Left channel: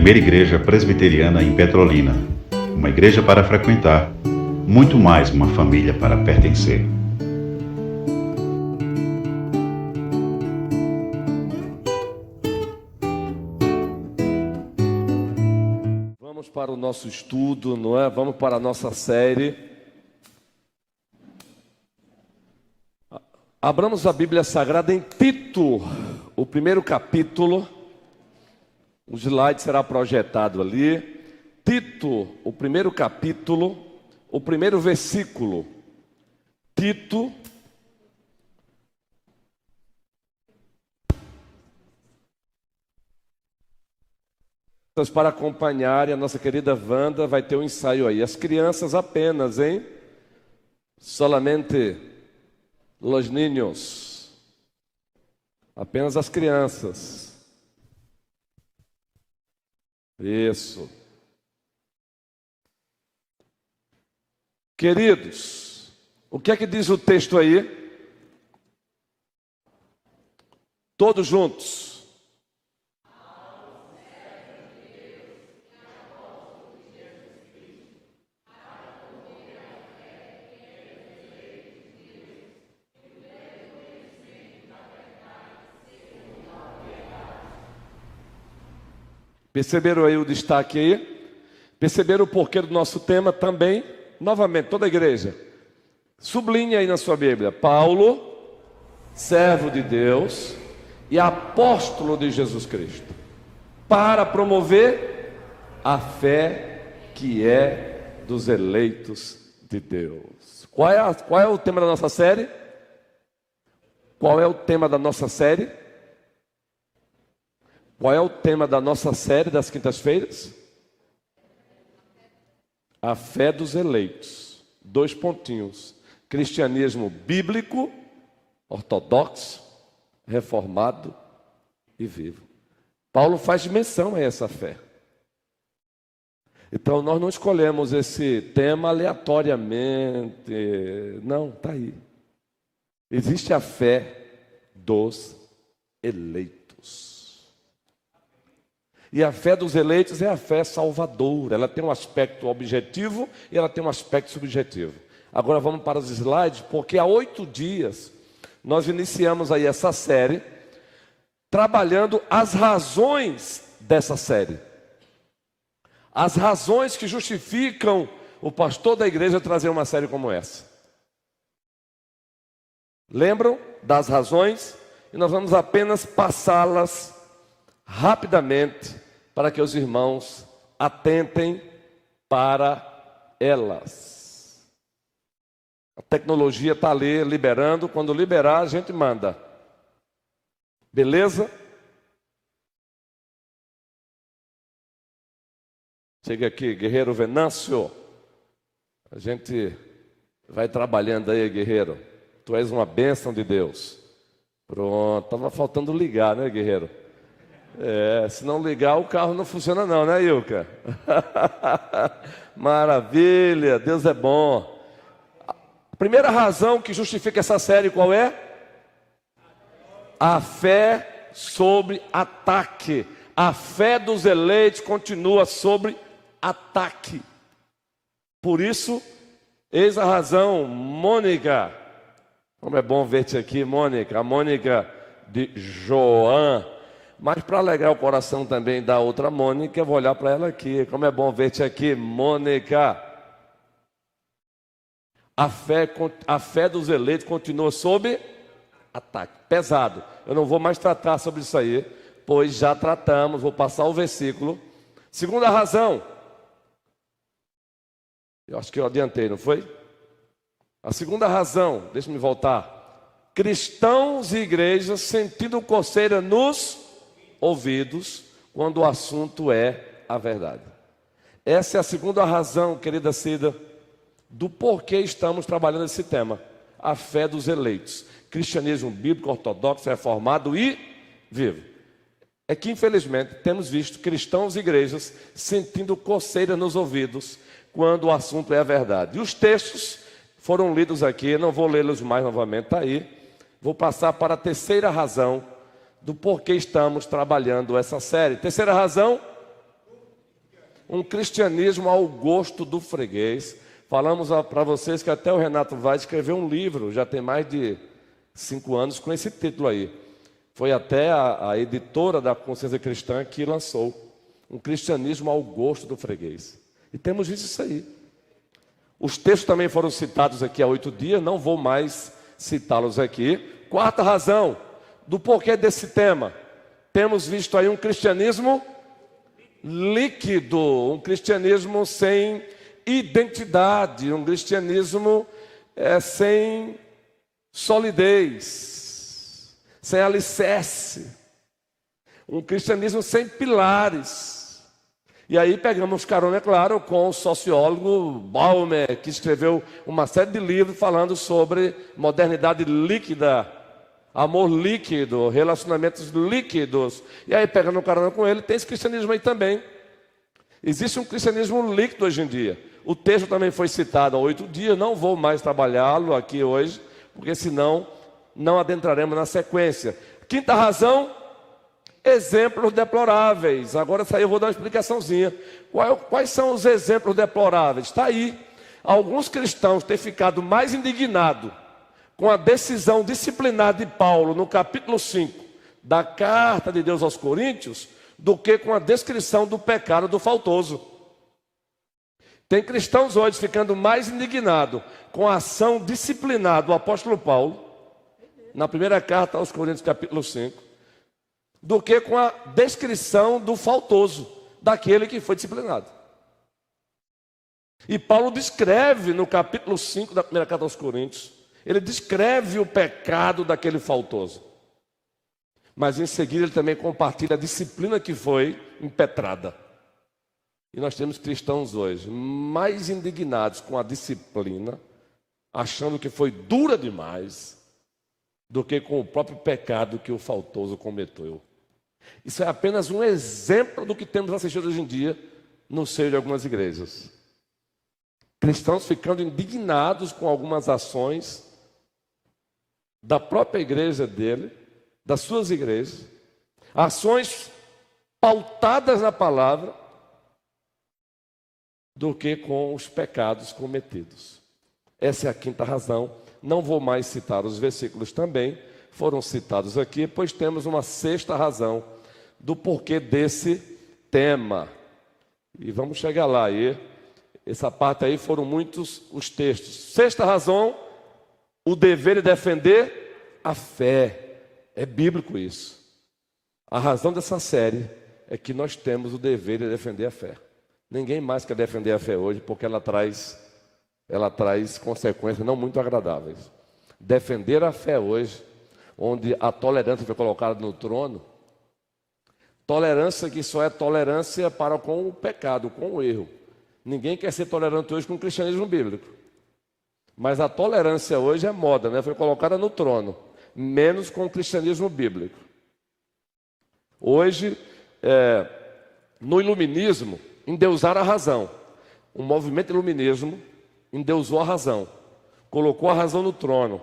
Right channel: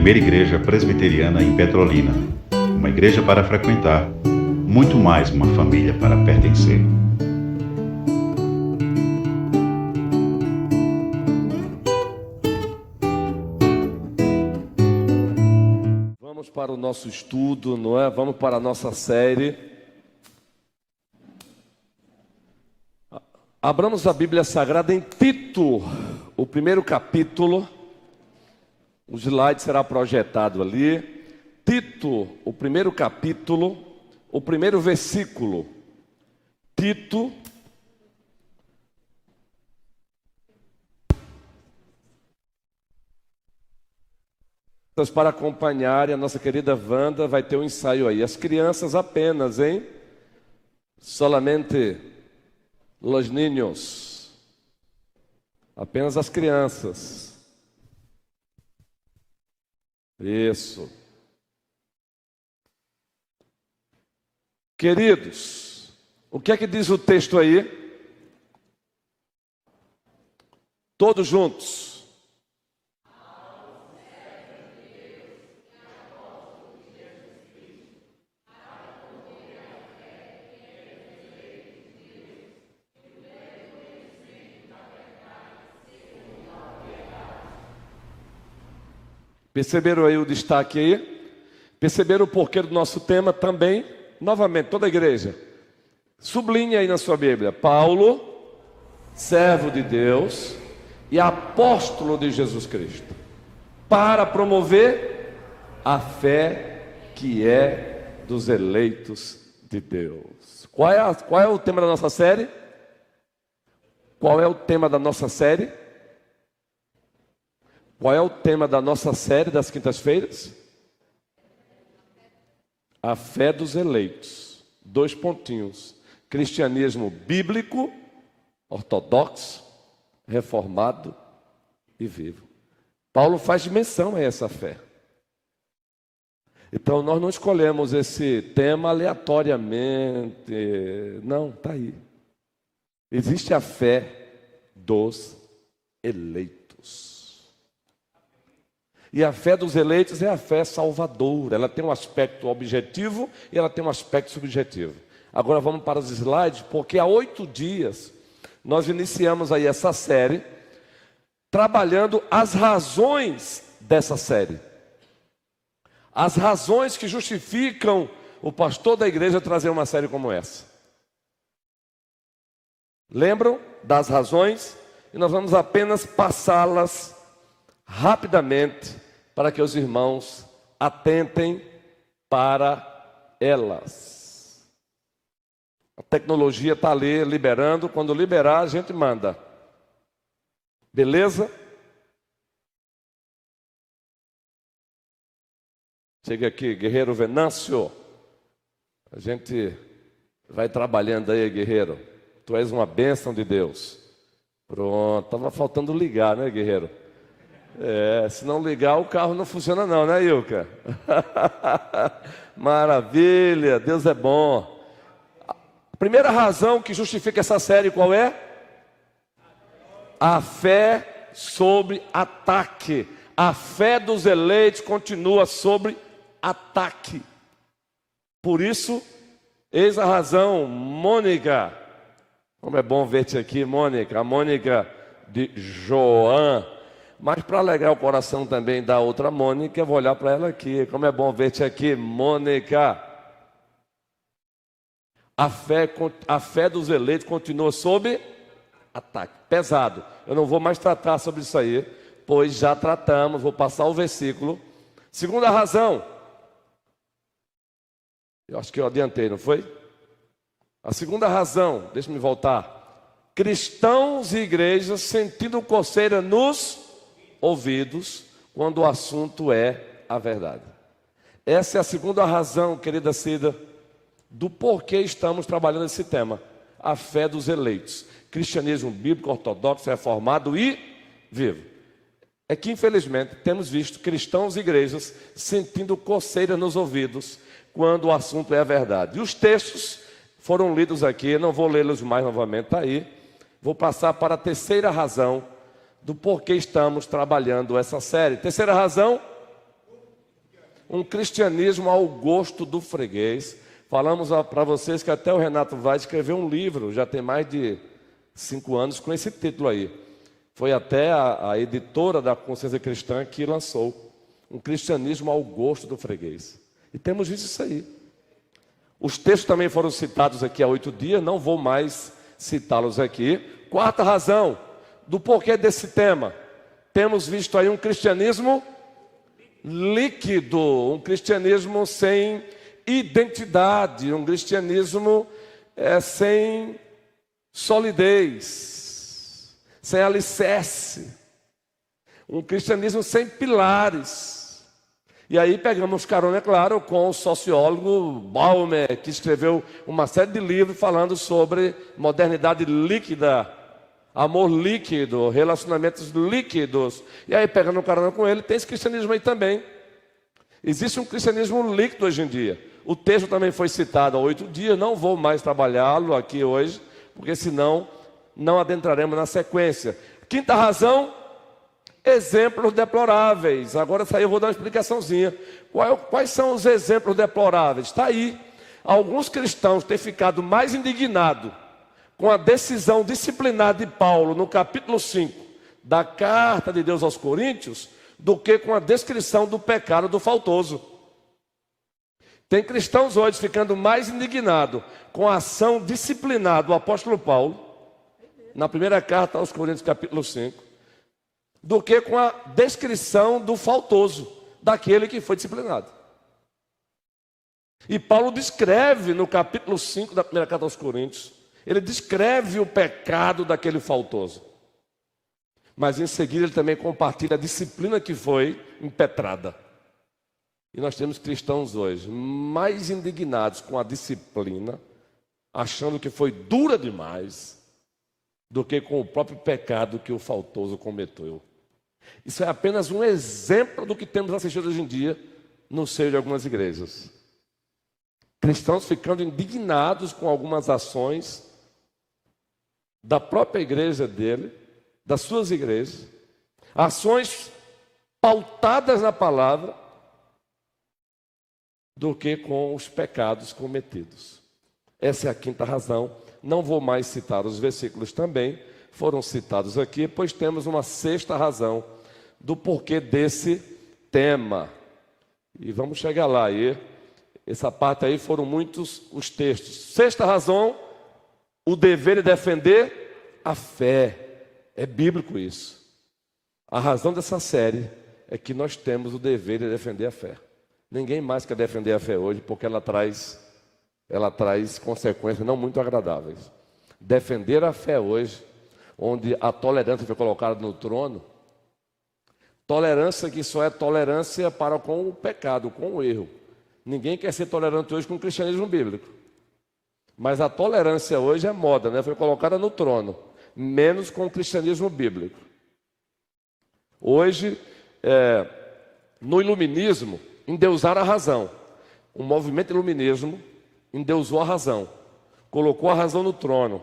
primeira igreja presbiteriana em Petrolina. Uma igreja para frequentar, muito mais uma família para pertencer. Vamos para o nosso estudo, não é? Vamos para a nossa série. Abramos a Bíblia Sagrada em Tito, o primeiro capítulo. O slide será projetado ali. Tito, o primeiro capítulo, o primeiro versículo. Tito. Para acompanhar, a nossa querida Wanda vai ter um ensaio aí. As crianças apenas, hein? Solamente los niños. Apenas as crianças. Isso. Queridos, o que é que diz o texto aí? Todos juntos. Perceberam aí o destaque aí? Perceberam o porquê do nosso tema também? Novamente, toda a igreja. Sublinhe aí na sua Bíblia. Paulo, servo de Deus e apóstolo de Jesus Cristo, para promover a fé que é dos eleitos de Deus. Qual é o tema da nossa série? Qual é o tema da nossa série? Qual é o tema da nossa série das quintas-feiras? A fé dos eleitos. 2 pontinhos. Cristianismo bíblico, ortodoxo, reformado e vivo. Paulo faz menção a essa fé. Então nós não escolhemos esse tema aleatoriamente. Não, está aí. Existe a fé dos eleitos. E a fé dos eleitos é a fé salvadora. Ela tem um aspecto objetivo e ela tem um aspecto subjetivo. Agora vamos para os slides, porque há 8 dias nós iniciamos aí essa série, trabalhando as razões dessa série. As razões que justificam o pastor da igreja trazer uma série como essa. Lembram das razões? E nós vamos apenas passá-las rapidamente, para que os irmãos atentem para elas. A tecnologia está ali liberando, quando liberar a gente manda. Beleza? Chega aqui, guerreiro Venâncio. A gente vai trabalhando aí, guerreiro. Tu és uma bênção de Deus. Pronto, estava faltando ligar, né, guerreiro? Se não ligar, o carro não funciona não, né, Ilka? Maravilha, Deus é bom. A primeira razão que justifica essa série qual é? A fé sob ataque. A fé dos eleitos continua sob ataque. Por isso, eis a razão, Mônica. Como é bom ver-te aqui, Mônica. A Mônica de João. Mas para alegrar o coração também da outra Mônica, eu vou olhar para ela aqui. Como é bom ver-te aqui, Mônica. A fé dos eleitos continua sob ataque. Pesado. Eu não vou mais tratar sobre isso aí, pois já tratamos. Vou passar o versículo. Segunda razão. Eu acho que eu adiantei, não foi? A segunda razão, deixa-me voltar. Cristãos e igrejas sentindo coceira nos ouvidos quando o assunto é a verdade. Essa é a segunda razão, querida Cida, do porquê estamos trabalhando esse tema. A fé dos eleitos. Cristianismo bíblico, ortodoxo, reformado e vivo. É que infelizmente temos visto cristãos e igrejas sentindo coceira nos ouvidos quando o assunto é a verdade. E os textos foram lidos aqui, eu não vou lê-los mais novamente, está aí. Vou passar para a terceira razão do porquê estamos trabalhando essa série. Terceira razão, um cristianismo ao gosto do freguês. Falamos para vocês que até o Renato Vaz escreveu um livro, já tem mais de 5 anos, com esse título aí. Foi até a editora da Consciência Cristã que lançou um cristianismo ao gosto do freguês. E temos visto isso aí. Os textos também foram citados aqui há 8 dias, não vou mais citá-los aqui. Quarta razão do porquê desse tema. Temos visto aí um cristianismo líquido, um cristianismo sem identidade, um cristianismo sem solidez, sem alicerce, um cristianismo sem pilares. E aí pegamos carona, é claro, com o sociólogo Baumer, que escreveu uma série de livros falando sobre modernidade líquida, amor líquido, relacionamentos líquidos. E aí pegando carona com ele, tem esse cristianismo aí também. Existe um cristianismo líquido hoje em dia. O texto também foi citado há 8 dias, não vou mais trabalhá-lo aqui hoje, porque senão não adentraremos na sequência. Quinta razão, exemplos deploráveis. Agora eu vou dar uma explicaçãozinha. Quais são os exemplos deploráveis? Está aí. Alguns cristãos têm ficado mais indignados com a decisão disciplinar de Paulo no capítulo 5 da carta de Deus aos Coríntios do que com a descrição do pecado do faltoso. Tem cristãos hoje ficando mais indignados com a ação disciplinar do apóstolo Paulo na primeira carta aos Coríntios capítulo 5 do que com a descrição do faltoso, daquele que foi disciplinado. E Paulo descreve no capítulo 5 da primeira carta aos Coríntios, ele descreve o pecado daquele faltoso. Mas em seguida ele também compartilha a disciplina que foi impetrada. E nós temos cristãos hoje mais indignados com a disciplina, achando que foi dura demais, do que com o próprio pecado que o faltoso cometeu. Isso é apenas um exemplo do que temos assistido hoje em dia no seio de algumas igrejas. Cristãos ficando indignados com algumas ações da própria igreja dele, das suas igrejas, ações pautadas na palavra, do que com os pecados cometidos. Essa é a quinta razão. Não vou mais citar os versículos também, foram citados aqui, pois temos uma sexta razão do porquê desse tema. E vamos chegar lá aí. Essa parte aí foram muitos os textos. Sexta razão, o dever de defender a fé. É bíblico isso. A razão dessa série é que nós temos o dever de defender a fé. Ninguém mais quer defender a fé hoje, porque ela traz consequências não muito agradáveis. Defender a fé hoje, onde a tolerância foi colocada no trono, tolerância que só é tolerância para com o pecado, com o erro. Ninguém quer ser tolerante hoje com o cristianismo bíblico. Mas a tolerância hoje é moda, né? Foi colocada no trono, menos com o cristianismo bíblico. Hoje, no iluminismo, endeusaram a razão. O movimento iluminismo endeusou a razão, colocou a razão no trono.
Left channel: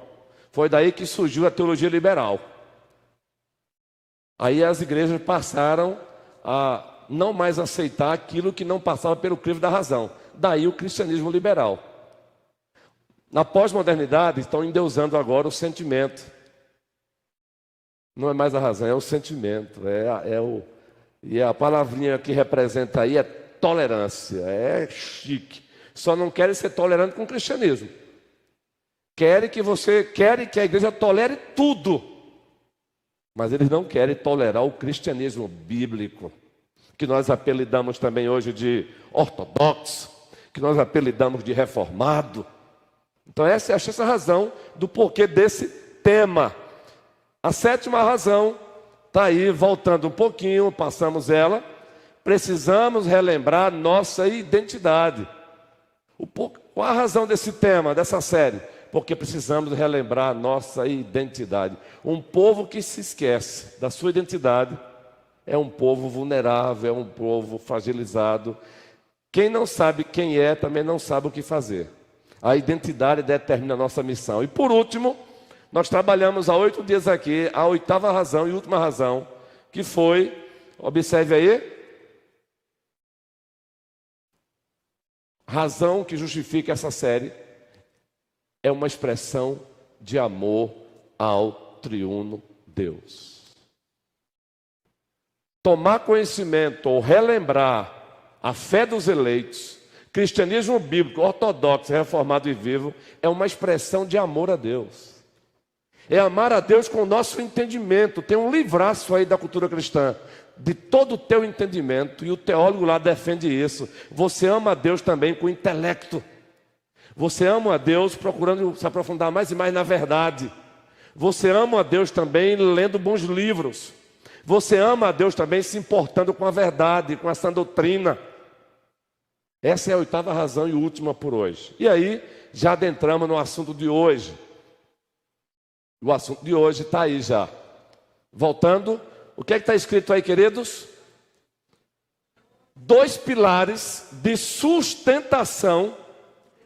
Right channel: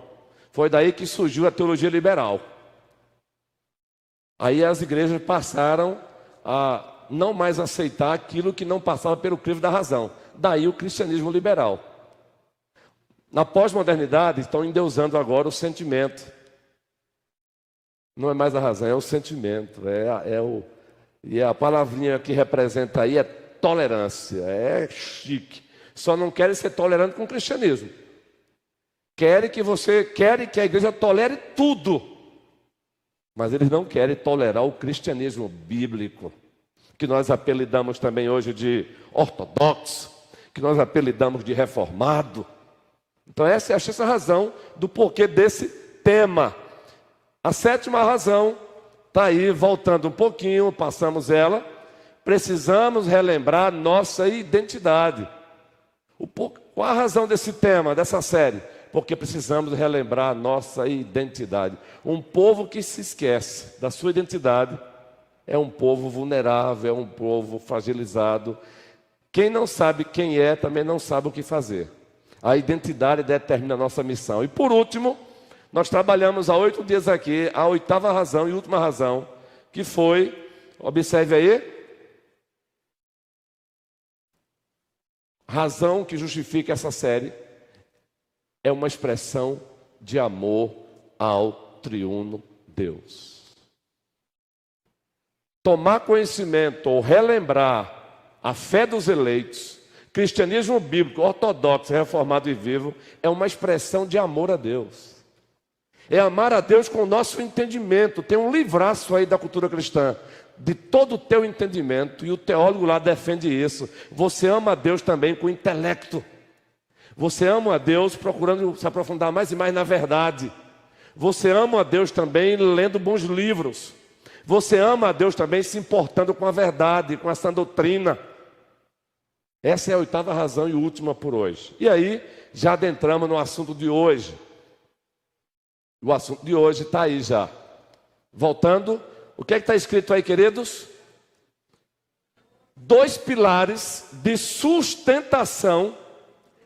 Foi daí que surgiu a teologia liberal. Aí as igrejas passaram a não mais aceitar aquilo que não passava pelo crivo da razão. Daí o cristianismo liberal. Na pós-modernidade estão endeusando agora o sentimento. Não é mais a razão, é o sentimento. E a palavrinha que representa aí é tolerância, é chique. Só não querem ser tolerantes com o cristianismo. Querem que a igreja tolere tudo. Mas eles não querem tolerar o cristianismo bíblico, que nós apelidamos também hoje de ortodoxo, que nós apelidamos de reformado. Então essa é a sexta razão do porquê desse tema. A sétima razão está aí, voltando um pouquinho, passamos ela. Precisamos relembrar nossa identidade. Qual a razão desse tema, dessa série? Porque precisamos relembrar nossa identidade. Um povo que se esquece da sua identidade é um povo vulnerável, é um povo fragilizado. Quem não sabe quem é, também não sabe o que fazer. A identidade determina a nossa missão. E por último, nós trabalhamos há 8 dias aqui, a oitava razão e última razão, que foi, observe aí, razão que justifica essa série é uma expressão de amor ao triuno Deus. Tomar conhecimento ou relembrar a fé dos eleitos, cristianismo bíblico, ortodoxo, reformado e vivo, é uma expressão de amor a Deus. É amar a Deus com o nosso entendimento. Tem um livraço aí da cultura cristã, de todo o teu entendimento, e o teólogo lá defende isso. Você ama a Deus também com o intelecto. Você ama a Deus procurando se aprofundar mais e mais na verdade. Você ama a Deus também lendo bons livros. Você ama a Deus também se importando com a verdade, com essa doutrina. Essa é a 8ª razão e última por hoje. E aí, já adentramos no assunto de hoje. O assunto de hoje está aí já. Voltando, o que é que está escrito aí, queridos? 2 pilares de sustentação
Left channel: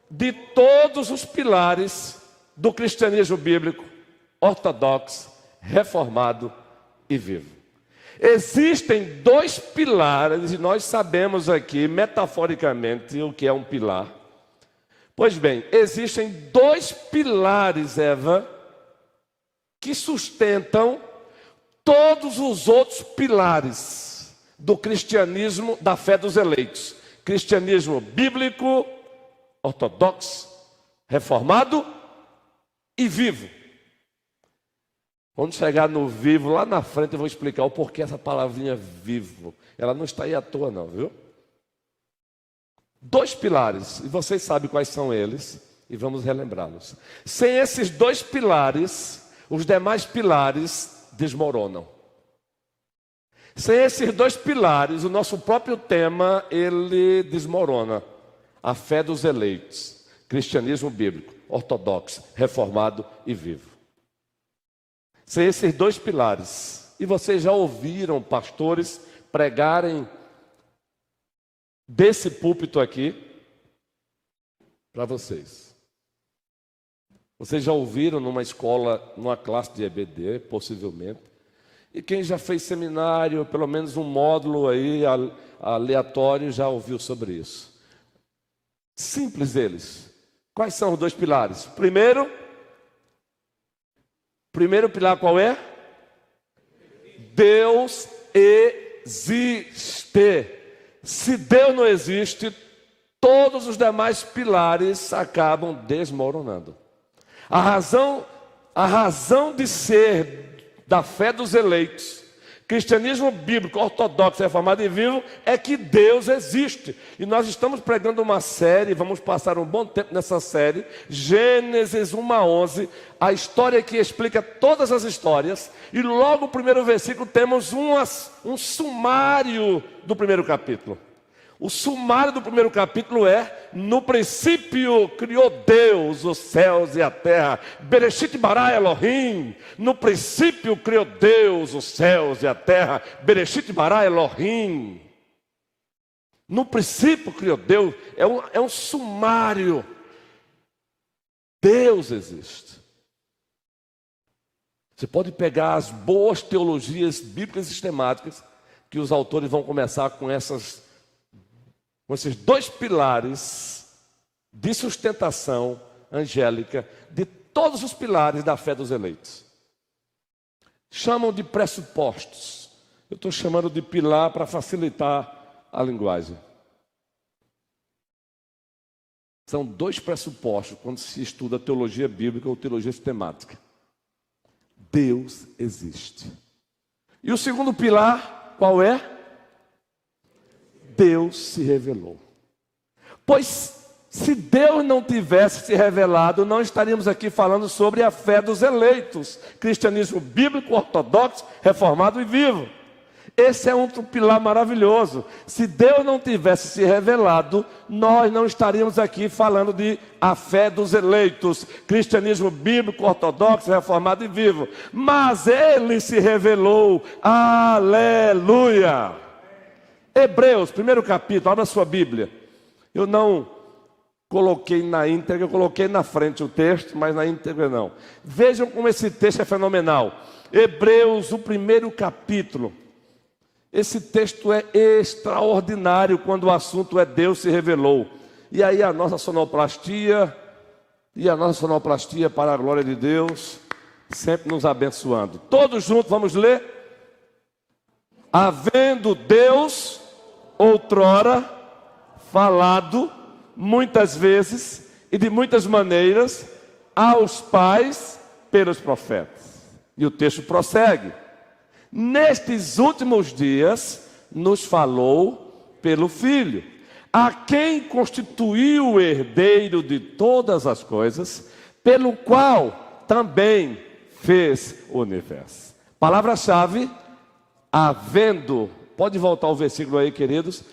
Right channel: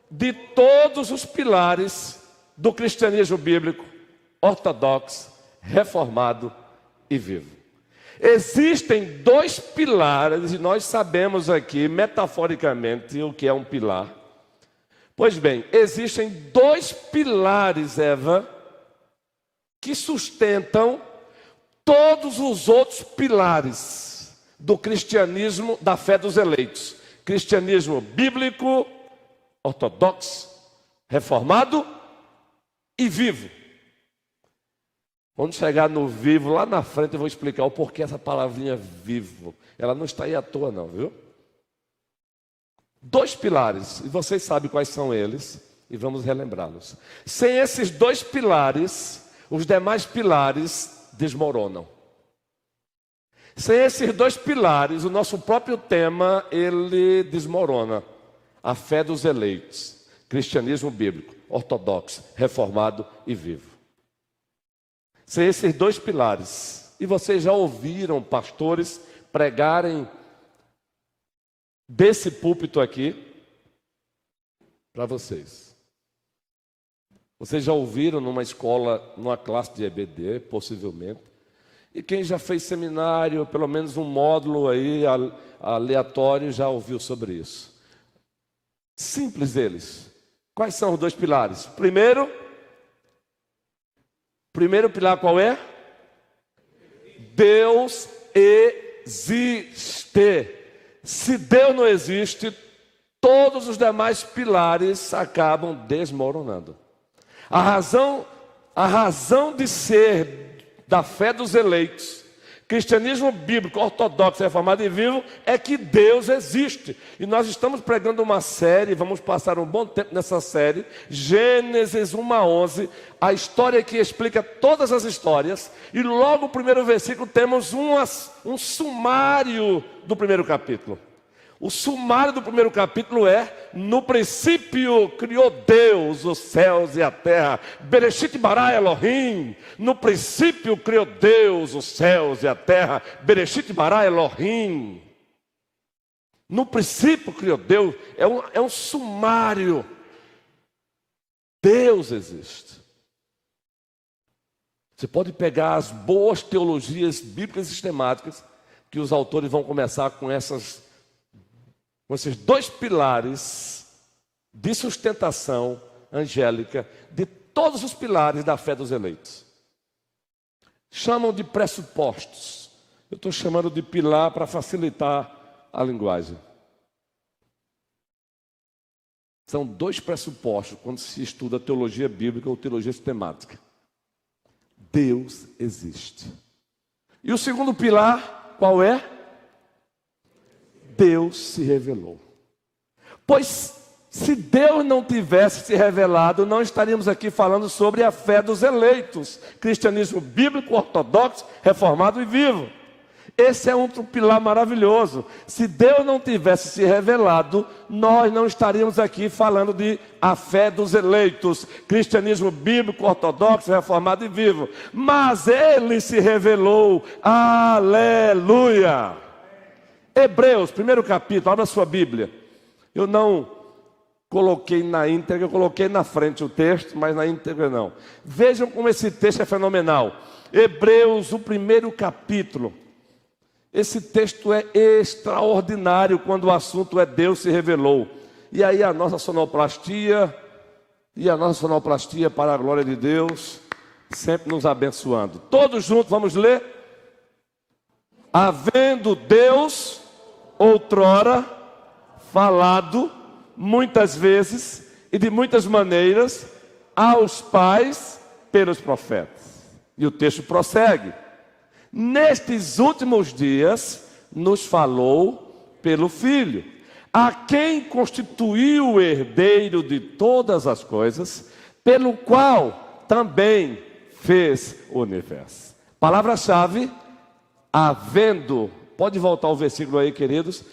de todos os pilares do cristianismo bíblico, ortodoxo, reformado e vivo. Existem 2 pilares, e nós sabemos aqui, metaforicamente, o que é um pilar. Pois bem, existem 2 pilares, Eva, que sustentam todos os outros pilares do cristianismo, da fé dos eleitos. Cristianismo bíblico, ortodoxo, reformado e vivo. Quando chegar no vivo, lá na frente eu vou explicar o porquê essa palavrinha vivo. Ela não está aí à toa não, viu? 2 pilares, e vocês sabem quais são eles, e vamos relembrá-los. Sem esses 2 pilares, os demais pilares desmoronam. Sem esses 2 pilares, o nosso próprio tema, ele desmorona. A fé dos eleitos, cristianismo bíblico, ortodoxo, reformado e vivo. Sem esses 2 pilares, e vocês já ouviram pastores pregarem desse púlpito aqui para vocês. Vocês já ouviram numa escola, numa classe de EBD, possivelmente. E quem já fez seminário, pelo menos um módulo aí aleatório, já ouviu sobre isso. Simples eles. Quais são os 2 pilares? Primeiro pilar qual é? Deus existe. Se Deus não existe, todos os demais pilares acabam desmoronando. A razão de ser da fé dos eleitos, cristianismo bíblico, ortodoxo, reformado e vivo, é que Deus existe. E nós estamos pregando uma série, vamos passar um bom tempo nessa série, Gênesis 1 a 11, a história que explica todas as histórias. E logo no primeiro versículo temos um sumário do primeiro capítulo. O sumário do primeiro capítulo é: no princípio criou Deus os céus e a terra. Bereshit bara Elohim. No princípio criou Deus os céus e a terra. Bereshit bara Elohim. No princípio criou Deus. É um sumário. Deus existe. Você pode pegar as boas teologias bíblicas sistemáticas, que os autores vão começar com esses 2 pilares de sustentação angélica de todos os pilares da fé dos eleitos. Chamam de pressupostos. Eu estou chamando de pilar para facilitar a linguagem. São 2 pressupostos quando se estuda teologia bíblica ou teologia sistemática. Deus existe. E o segundo pilar, qual é? Deus se revelou. Pois se Deus não tivesse se revelado, não estaríamos aqui falando sobre a fé dos eleitos, cristianismo bíblico, ortodoxo, reformado e vivo. Esse é um pilar maravilhoso. Se Deus não tivesse se revelado, nós não estaríamos aqui falando de a fé dos eleitos, cristianismo bíblico, ortodoxo, reformado e vivo. Mas Ele se revelou. Aleluia! Hebreus, 1º capítulo, abra sua Bíblia. Eu não coloquei na íntegra, eu coloquei na frente o texto, mas na íntegra não. Vejam como esse texto é fenomenal. Hebreus, o 1º capítulo. Esse texto é extraordinário quando o assunto é Deus se revelou. E aí a nossa sonoplastia, para a glória de Deus, sempre nos abençoando. Todos juntos, vamos ler? Havendo Deus outrora falado muitas vezes e de muitas maneiras aos pais pelos profetas. E o texto prossegue. Nestes últimos dias nos falou pelo Filho, a quem constituiu o herdeiro de todas as coisas, pelo qual também fez o universo. Palavra-chave, havendo. Pode voltar o versículo aí, queridos.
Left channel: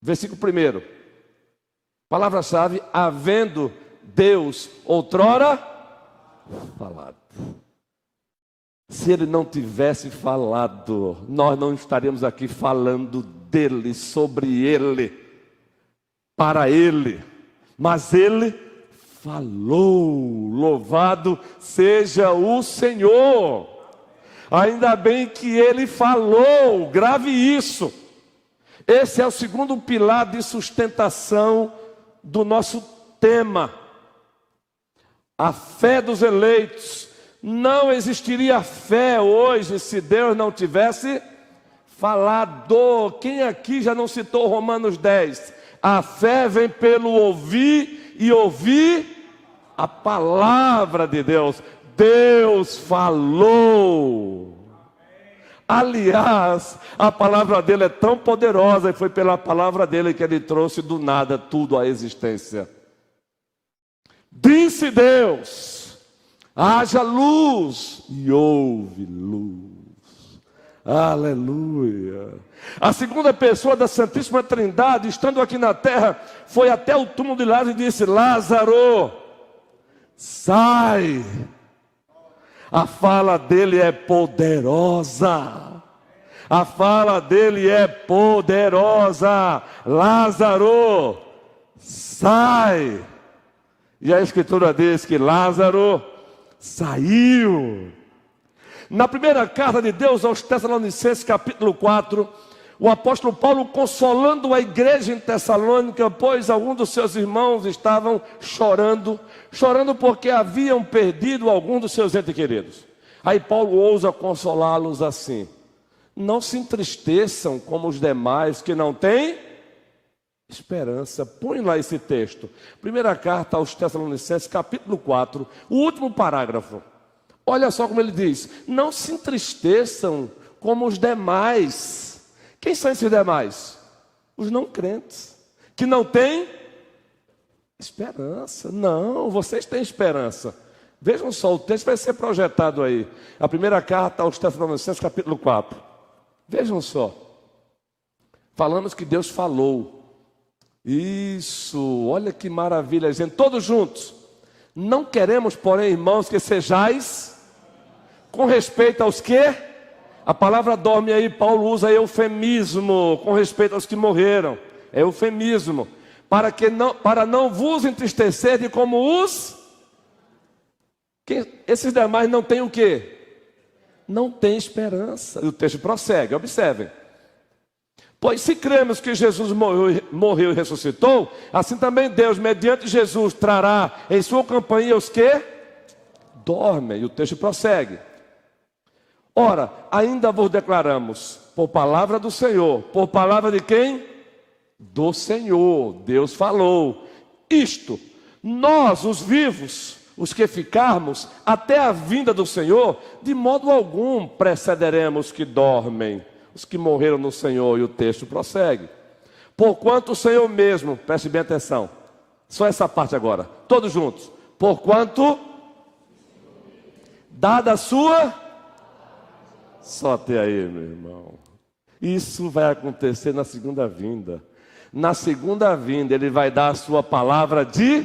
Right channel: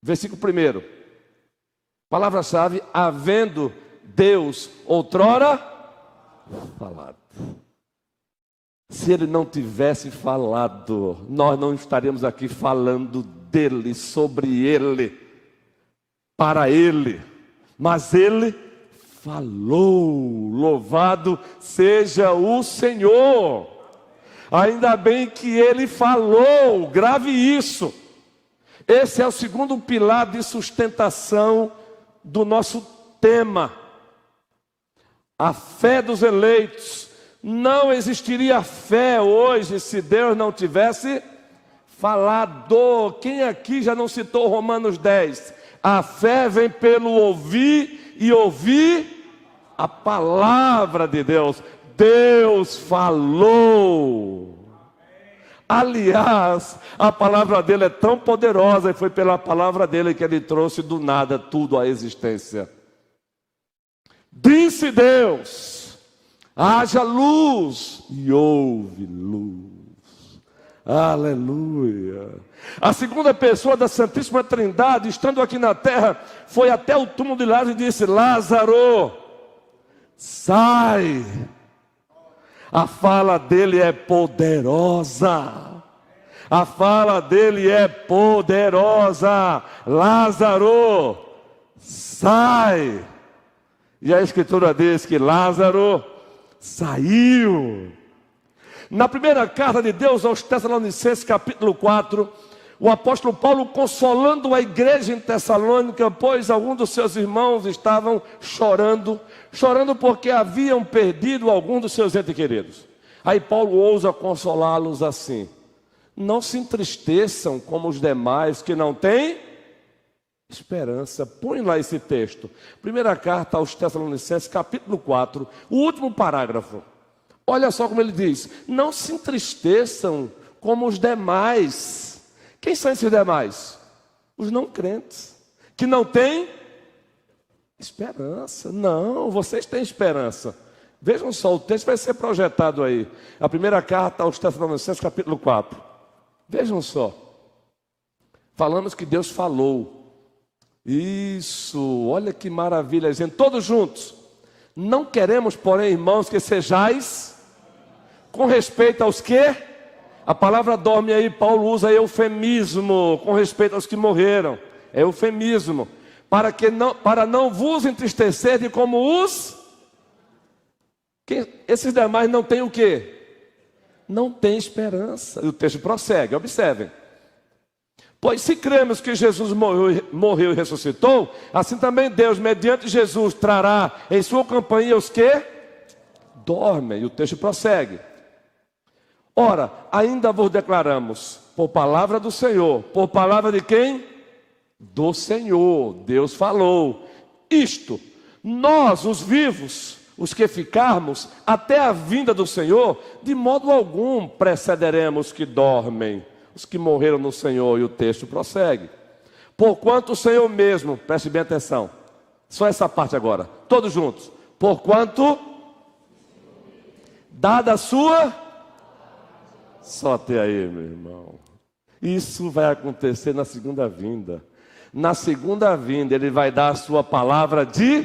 Versículo 1. Palavra-chave, havendo Deus outrora falado. Se Ele não tivesse falado, nós não estaríamos aqui falando dele, sobre Ele, para Ele. Mas Ele falou, louvado seja o Senhor. Ainda bem que Ele falou, grave isso. Esse é o segundo pilar de sustentação do nosso tema. A fé dos eleitos. Não existiria fé hoje se Deus não tivesse falado. Quem aqui já não citou Romanos 10? A fé vem pelo ouvir e ouvir a palavra de Deus. Deus falou. Aliás, a palavra dele é tão poderosa e foi pela palavra dele que ele trouxe do nada tudo à existência. Disse Deus: haja luz, e houve luz. Aleluia. A segunda pessoa da Santíssima Trindade, estando aqui na terra, foi até o túmulo de Lázaro e disse: Lázaro, sai. A fala dele é poderosa. A fala dele é poderosa. Lázaro, sai. E a Escritura diz que Lázaro saiu. Na primeira carta de Deus aos Tessalonicenses, capítulo 4, o apóstolo Paulo consolando a igreja em Tessalônica, pois alguns dos seus irmãos estavam chorando porque haviam perdido algum dos seus entes queridos. Aí Paulo ousa consolá-los assim: não se entristeçam como os demais que não têm esperança. Põe lá esse texto. Primeira carta aos Tessalonicenses, capítulo 4, o último parágrafo. Olha só como ele diz: não se entristeçam como os demais. Quem são esses demais? Os não crentes, que não têm esperança. Não, vocês têm esperança. Vejam só, o texto vai ser projetado aí. A primeira carta aos Tessalonicenses, capítulo 4. Vejam só. Falamos que Deus falou. Isso, olha que maravilha, gente. Todos juntos. Não queremos, porém, irmãos, que sejais com respeito aos que? A palavra dorme aí, Paulo usa eufemismo com respeito aos que morreram. É eufemismo. Para não vos entristecerem como os... Esses demais não têm o quê? Não têm esperança. E o texto prossegue, observem. Pois se cremos que Jesus morreu e ressuscitou, assim também Deus, mediante Jesus, trará em sua companhia os que dormem. E o texto prossegue. Ora, ainda vos declaramos, por palavra do Senhor. Por palavra de quem? Do Senhor. Deus falou. Isto, nós, os vivos, os que ficarmos, até a vinda do Senhor, de modo algum precederemos que dormem, os que morreram no Senhor. E o texto prossegue. Porquanto o Senhor mesmo, preste bem atenção, só essa parte agora, todos juntos. Porquanto, dada a sua... Só até aí, meu irmão. Isso vai acontecer na segunda vinda. Na segunda vinda, ele vai dar a sua palavra de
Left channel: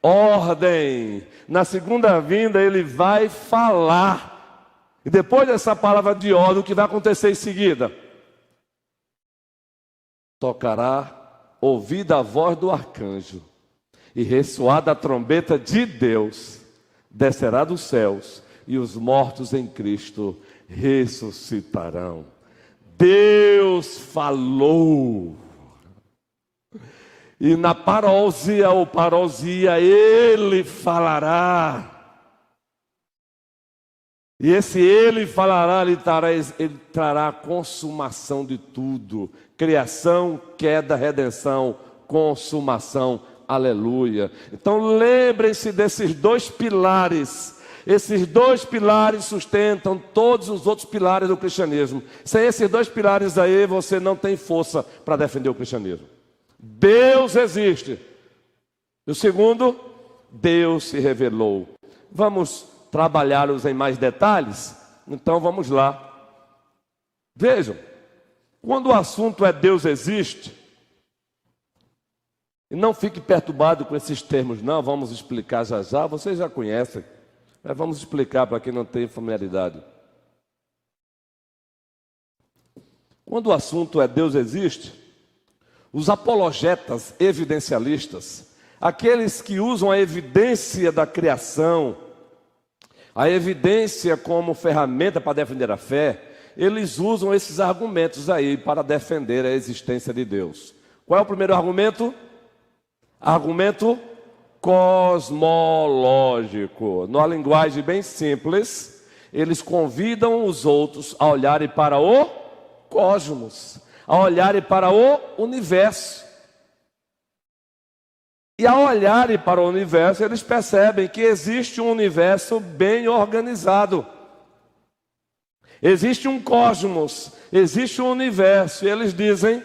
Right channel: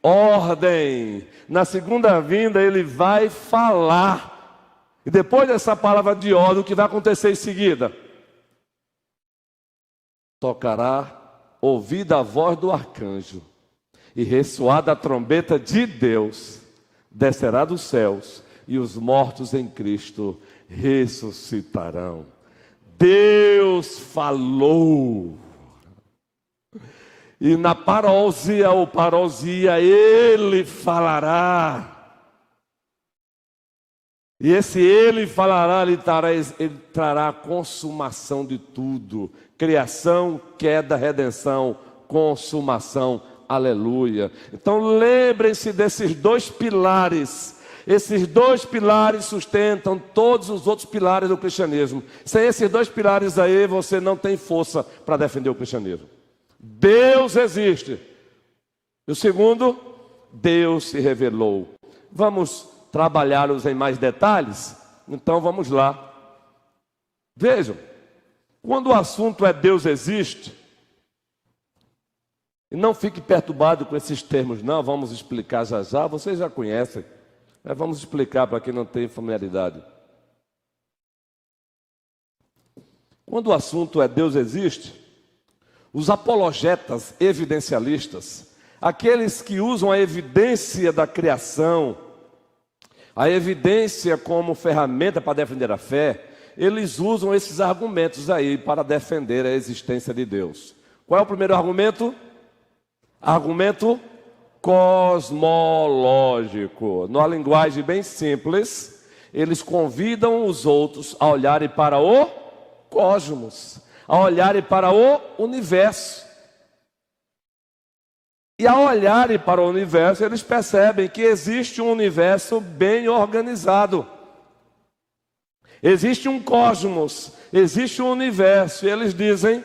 ordem. Na segunda vinda, ele vai falar. E depois dessa palavra de ordem, o que vai acontecer em seguida? Tocará, ouvida a voz do arcanjo, e ressoada a trombeta de Deus, descerá dos céus, e os mortos em Cristo ressuscitarão. Deus falou. E na parousia ou parousia, ele falará. E esse ele falará, ele trará a consumação de tudo. Criação, queda, redenção, consumação. Aleluia. Então lembrem-se desses dois pilares. Esses dois pilares sustentam todos os outros pilares do cristianismo. Sem esses dois pilares aí, você não tem força para defender o cristianismo. Deus existe. E o segundo, Deus se revelou. Vamos trabalhá-los em mais detalhes? Então vamos lá. Vejam, quando o assunto é Deus existe, e não fique perturbado com esses termos, não, vamos explicar já já, vocês já conhecem, mas vamos explicar para quem não tem familiaridade. Quando o assunto é Deus existe, os apologetas evidencialistas, aqueles que usam a evidência da criação, a evidência como ferramenta para defender a fé, eles usam esses argumentos aí para defender a existência de Deus. Qual é o primeiro argumento? Argumento cosmológico. Numa linguagem bem simples, eles convidam os outros a olharem para o cosmos, a olharem para o universo. E ao olharem para o universo, eles percebem que existe um universo bem organizado. Existe um cosmos, existe um universo. E eles dizem,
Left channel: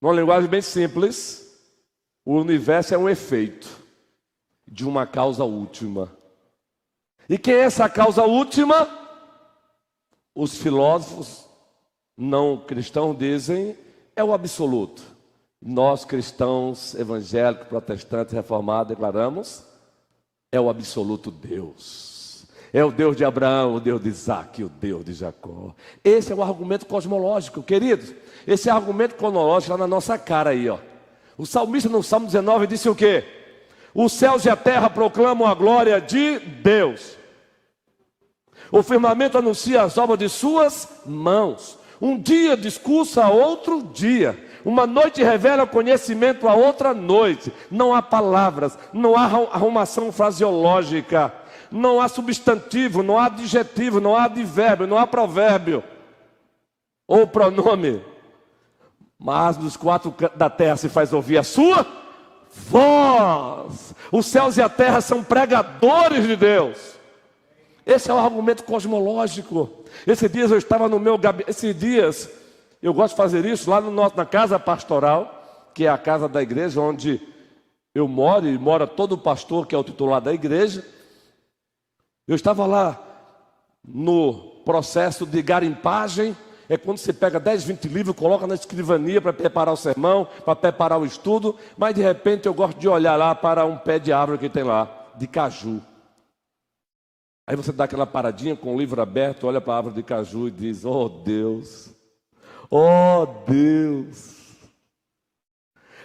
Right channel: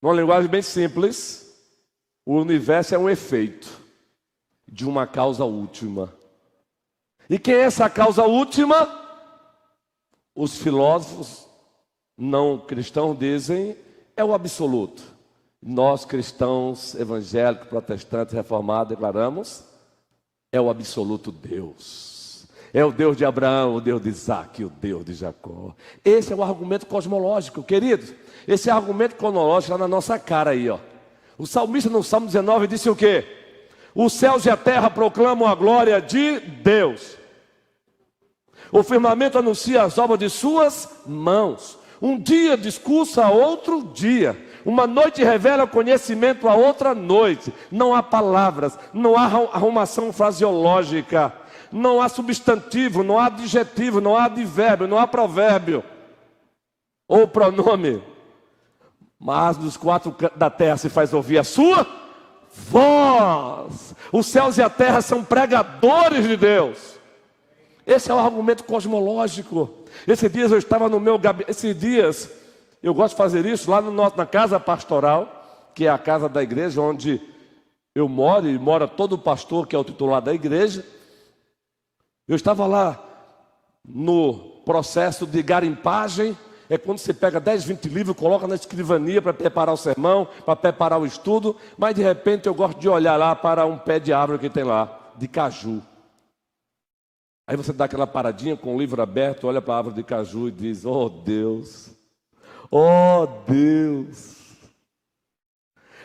numa linguagem bem simples, o universo é um efeito de uma causa última. E quem é essa causa última? Os filósofos não cristãos dizem, é o absoluto. Nós cristãos, evangélicos, protestantes, reformados, declaramos, é o absoluto Deus. É o Deus de Abraão, o Deus de Isaac, o Deus de Jacó. Esse é o argumento cosmológico, queridos. Esse argumento cosmológico está na nossa cara aí, ó. O salmista no Salmo 19 disse o quê? Os céus e a terra proclamam a glória de Deus. O firmamento anuncia as obras de suas mãos. Um dia discursa a outro dia. Uma noite revela conhecimento a outra noite. Não há palavras, não há arrumação fraseológica, não há substantivo, não há adjetivo, não há advérbio, não há provérbio ou pronome. Mas dos quatro cantos da terra se faz ouvir a sua voz. Os céus e a terra são pregadores de Deus. Esse é o argumento cosmológico. Esses dias eu estava no meu gabinete, esses dias eu gosto de fazer isso lá na casa pastoral, que é a casa da igreja onde eu moro, e mora todo pastor que é o titular da igreja. Eu estava lá no processo de garimpagem, é quando você pega 10, 20 livros, coloca na escrivania para preparar o sermão, para preparar o estudo, mas de repente eu gosto de olhar lá para um pé de árvore que tem lá, de caju. Aí você dá aquela paradinha com o livro aberto, olha para a árvore de caju e diz, oh Deus, oh Deus.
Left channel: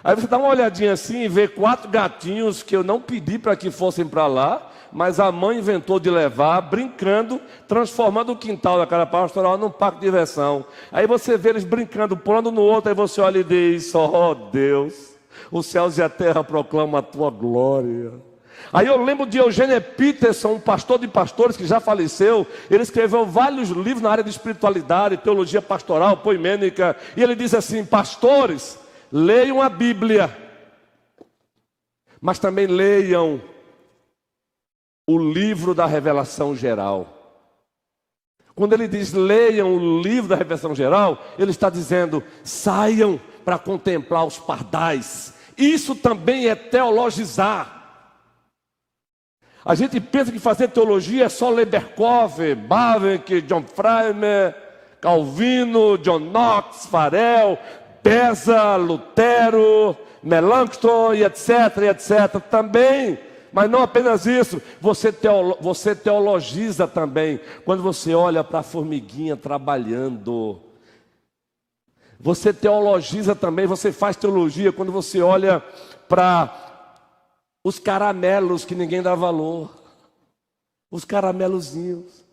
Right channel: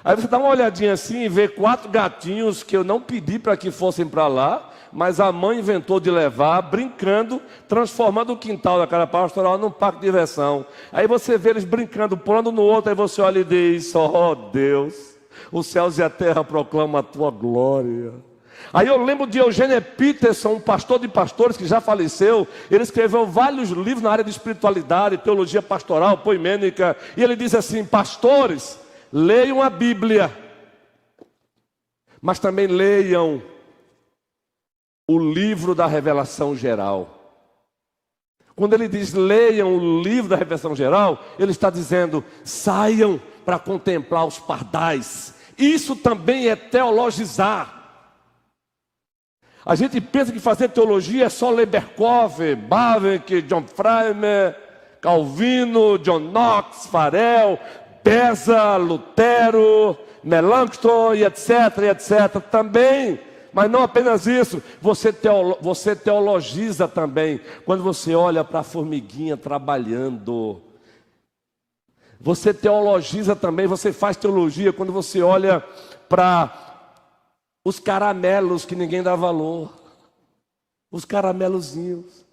Aí você dá uma olhadinha assim e vê 4 gatinhos que eu não pedi para que fossem para lá, mas a mãe inventou de levar, brincando, transformando o quintal da casa pastoral num parque de diversão. Aí você vê eles brincando, pulando no outro, aí você olha e diz, oh Deus, os céus e a terra proclamam a tua glória. Aí eu lembro de Eugênio Peterson, um pastor de pastores que já faleceu. Ele escreveu vários livros na área de espiritualidade, teologia pastoral, poimênica. E ele diz assim, pastores, leiam a Bíblia, mas também leiam o livro da revelação geral. Quando ele diz leiam o livro da revelação geral, ele está dizendo, saiam para contemplar os pardais. Isso também é teologizar. A gente pensa que fazer teologia é só ler Berkhoff, Bavinck, John Freimer, Calvino, John Knox, Farel, Beza, Lutero, Melanchthon, e etc, etc. Também, mas não apenas isso. Você teologiza também quando você olha para a formiguinha trabalhando. Você teologiza também, você faz teologia quando você olha para os caramelos que ninguém dá valor. Os caramelozinhos.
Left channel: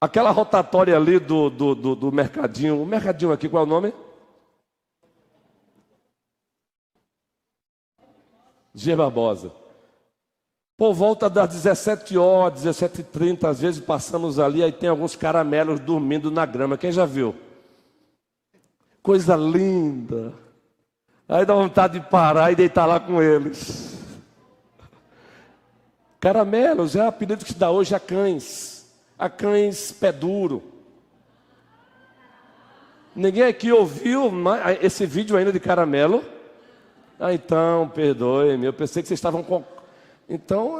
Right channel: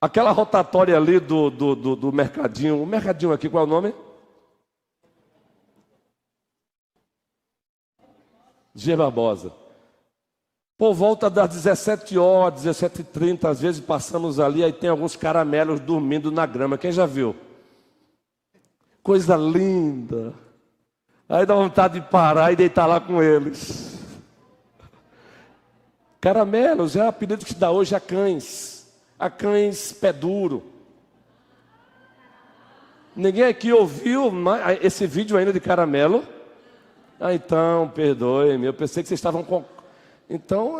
Aquela rotatória ali do mercadinho. O mercadinho aqui, qual é o nome? G. Barbosa. Por volta das 17 horas, 17h30, às vezes passamos ali, aí tem alguns caramelos dormindo na grama. Quem já viu? Coisa linda. Aí dá vontade de parar e deitar lá com eles. Caramelos é o apelido que se dá hoje a cães. A cães pé duro. Ninguém aqui ouviu esse vídeo ainda de caramelo? Ah, então, perdoe-me. Eu pensei que vocês estavam com... Então,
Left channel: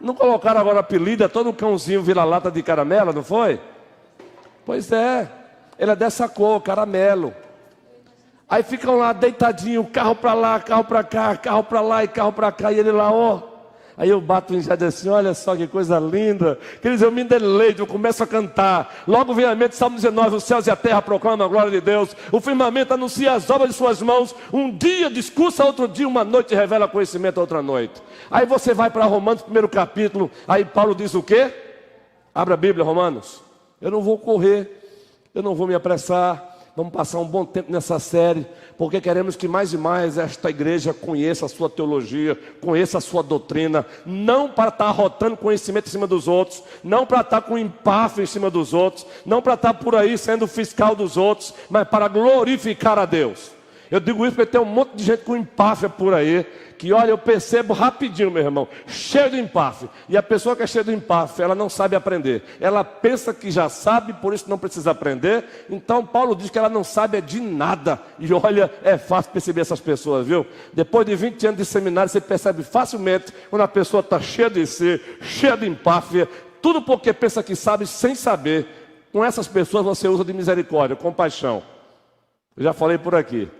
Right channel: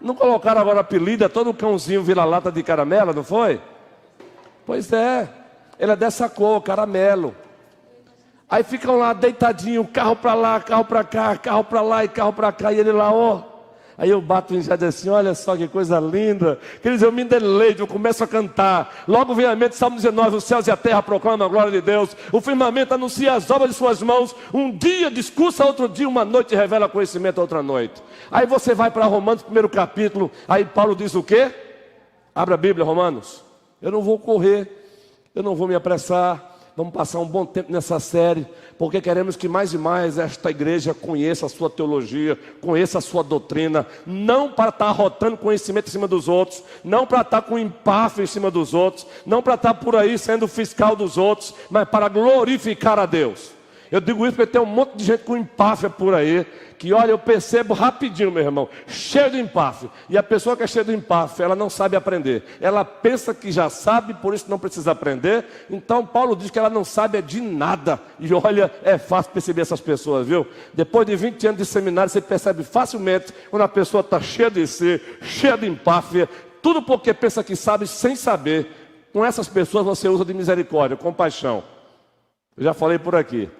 não colocaram agora apelido, todo cãozinho vira-lata de caramelo, não foi? Pois é, ele é dessa cor, caramelo. Aí ficam lá deitadinho, carro para lá, carro para cá, carro para lá e carro para cá, e ele lá, ó. Aí eu bato em jardim assim, olha só que coisa linda. Queridos, eu me deleito, eu começo a cantar. Logo vem a mente, Salmo 19, os céus e a terra proclamam a glória de Deus. O firmamento anuncia as obras de suas mãos. Um dia discursa, outro dia, uma noite revela conhecimento, outra noite. Aí você vai para Romanos, primeiro capítulo. Aí Paulo diz o quê? Abra a Bíblia, Romanos. Eu não vou correr, eu não vou me apressar. Vamos passar um bom tempo nessa série, porque queremos que mais e mais esta igreja conheça a sua teologia, conheça a sua doutrina, não para estar arrotando conhecimento em cima dos outros, não para estar com empáfia em cima dos outros, não para estar por aí sendo fiscal dos outros, mas para glorificar a Deus. Eu digo isso porque tem um monte de gente com empáfia por aí, que olha, eu percebo rapidinho, meu irmão, cheio de empáfia. E a pessoa que é cheia de empáfia, ela não sabe aprender. Ela pensa que já sabe, por isso não precisa aprender. Então Paulo diz que ela não sabe de nada. E olha, é fácil perceber essas pessoas, viu? Depois de 20 anos de seminário, você percebe facilmente quando a pessoa está cheia de si, cheia de empáfia, tudo porque pensa que sabe sem saber. Com essas pessoas você usa de misericórdia, compaixão. Eu já falei por aqui.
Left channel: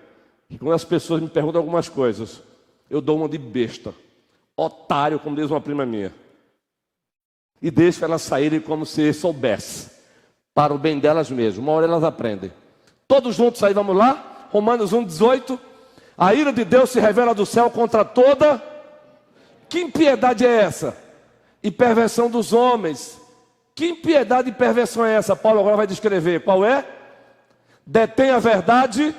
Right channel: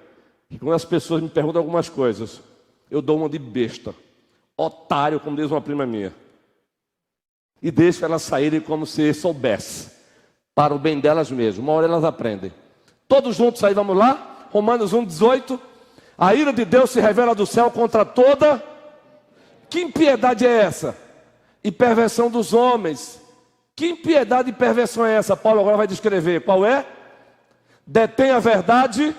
E quando as pessoas me perguntam algumas coisas, eu dou uma de besta, otário, como diz uma prima minha. E deixo elas saírem como se soubesse, para o bem delas mesmas. Uma hora elas aprendem. Todos juntos aí, vamos lá? Romanos 1,18. A ira de Deus se revela do céu contra toda... Que impiedade é essa? E perversão dos homens. Que impiedade e perversão é essa? Paulo agora vai descrever. Qual é? Detém a verdade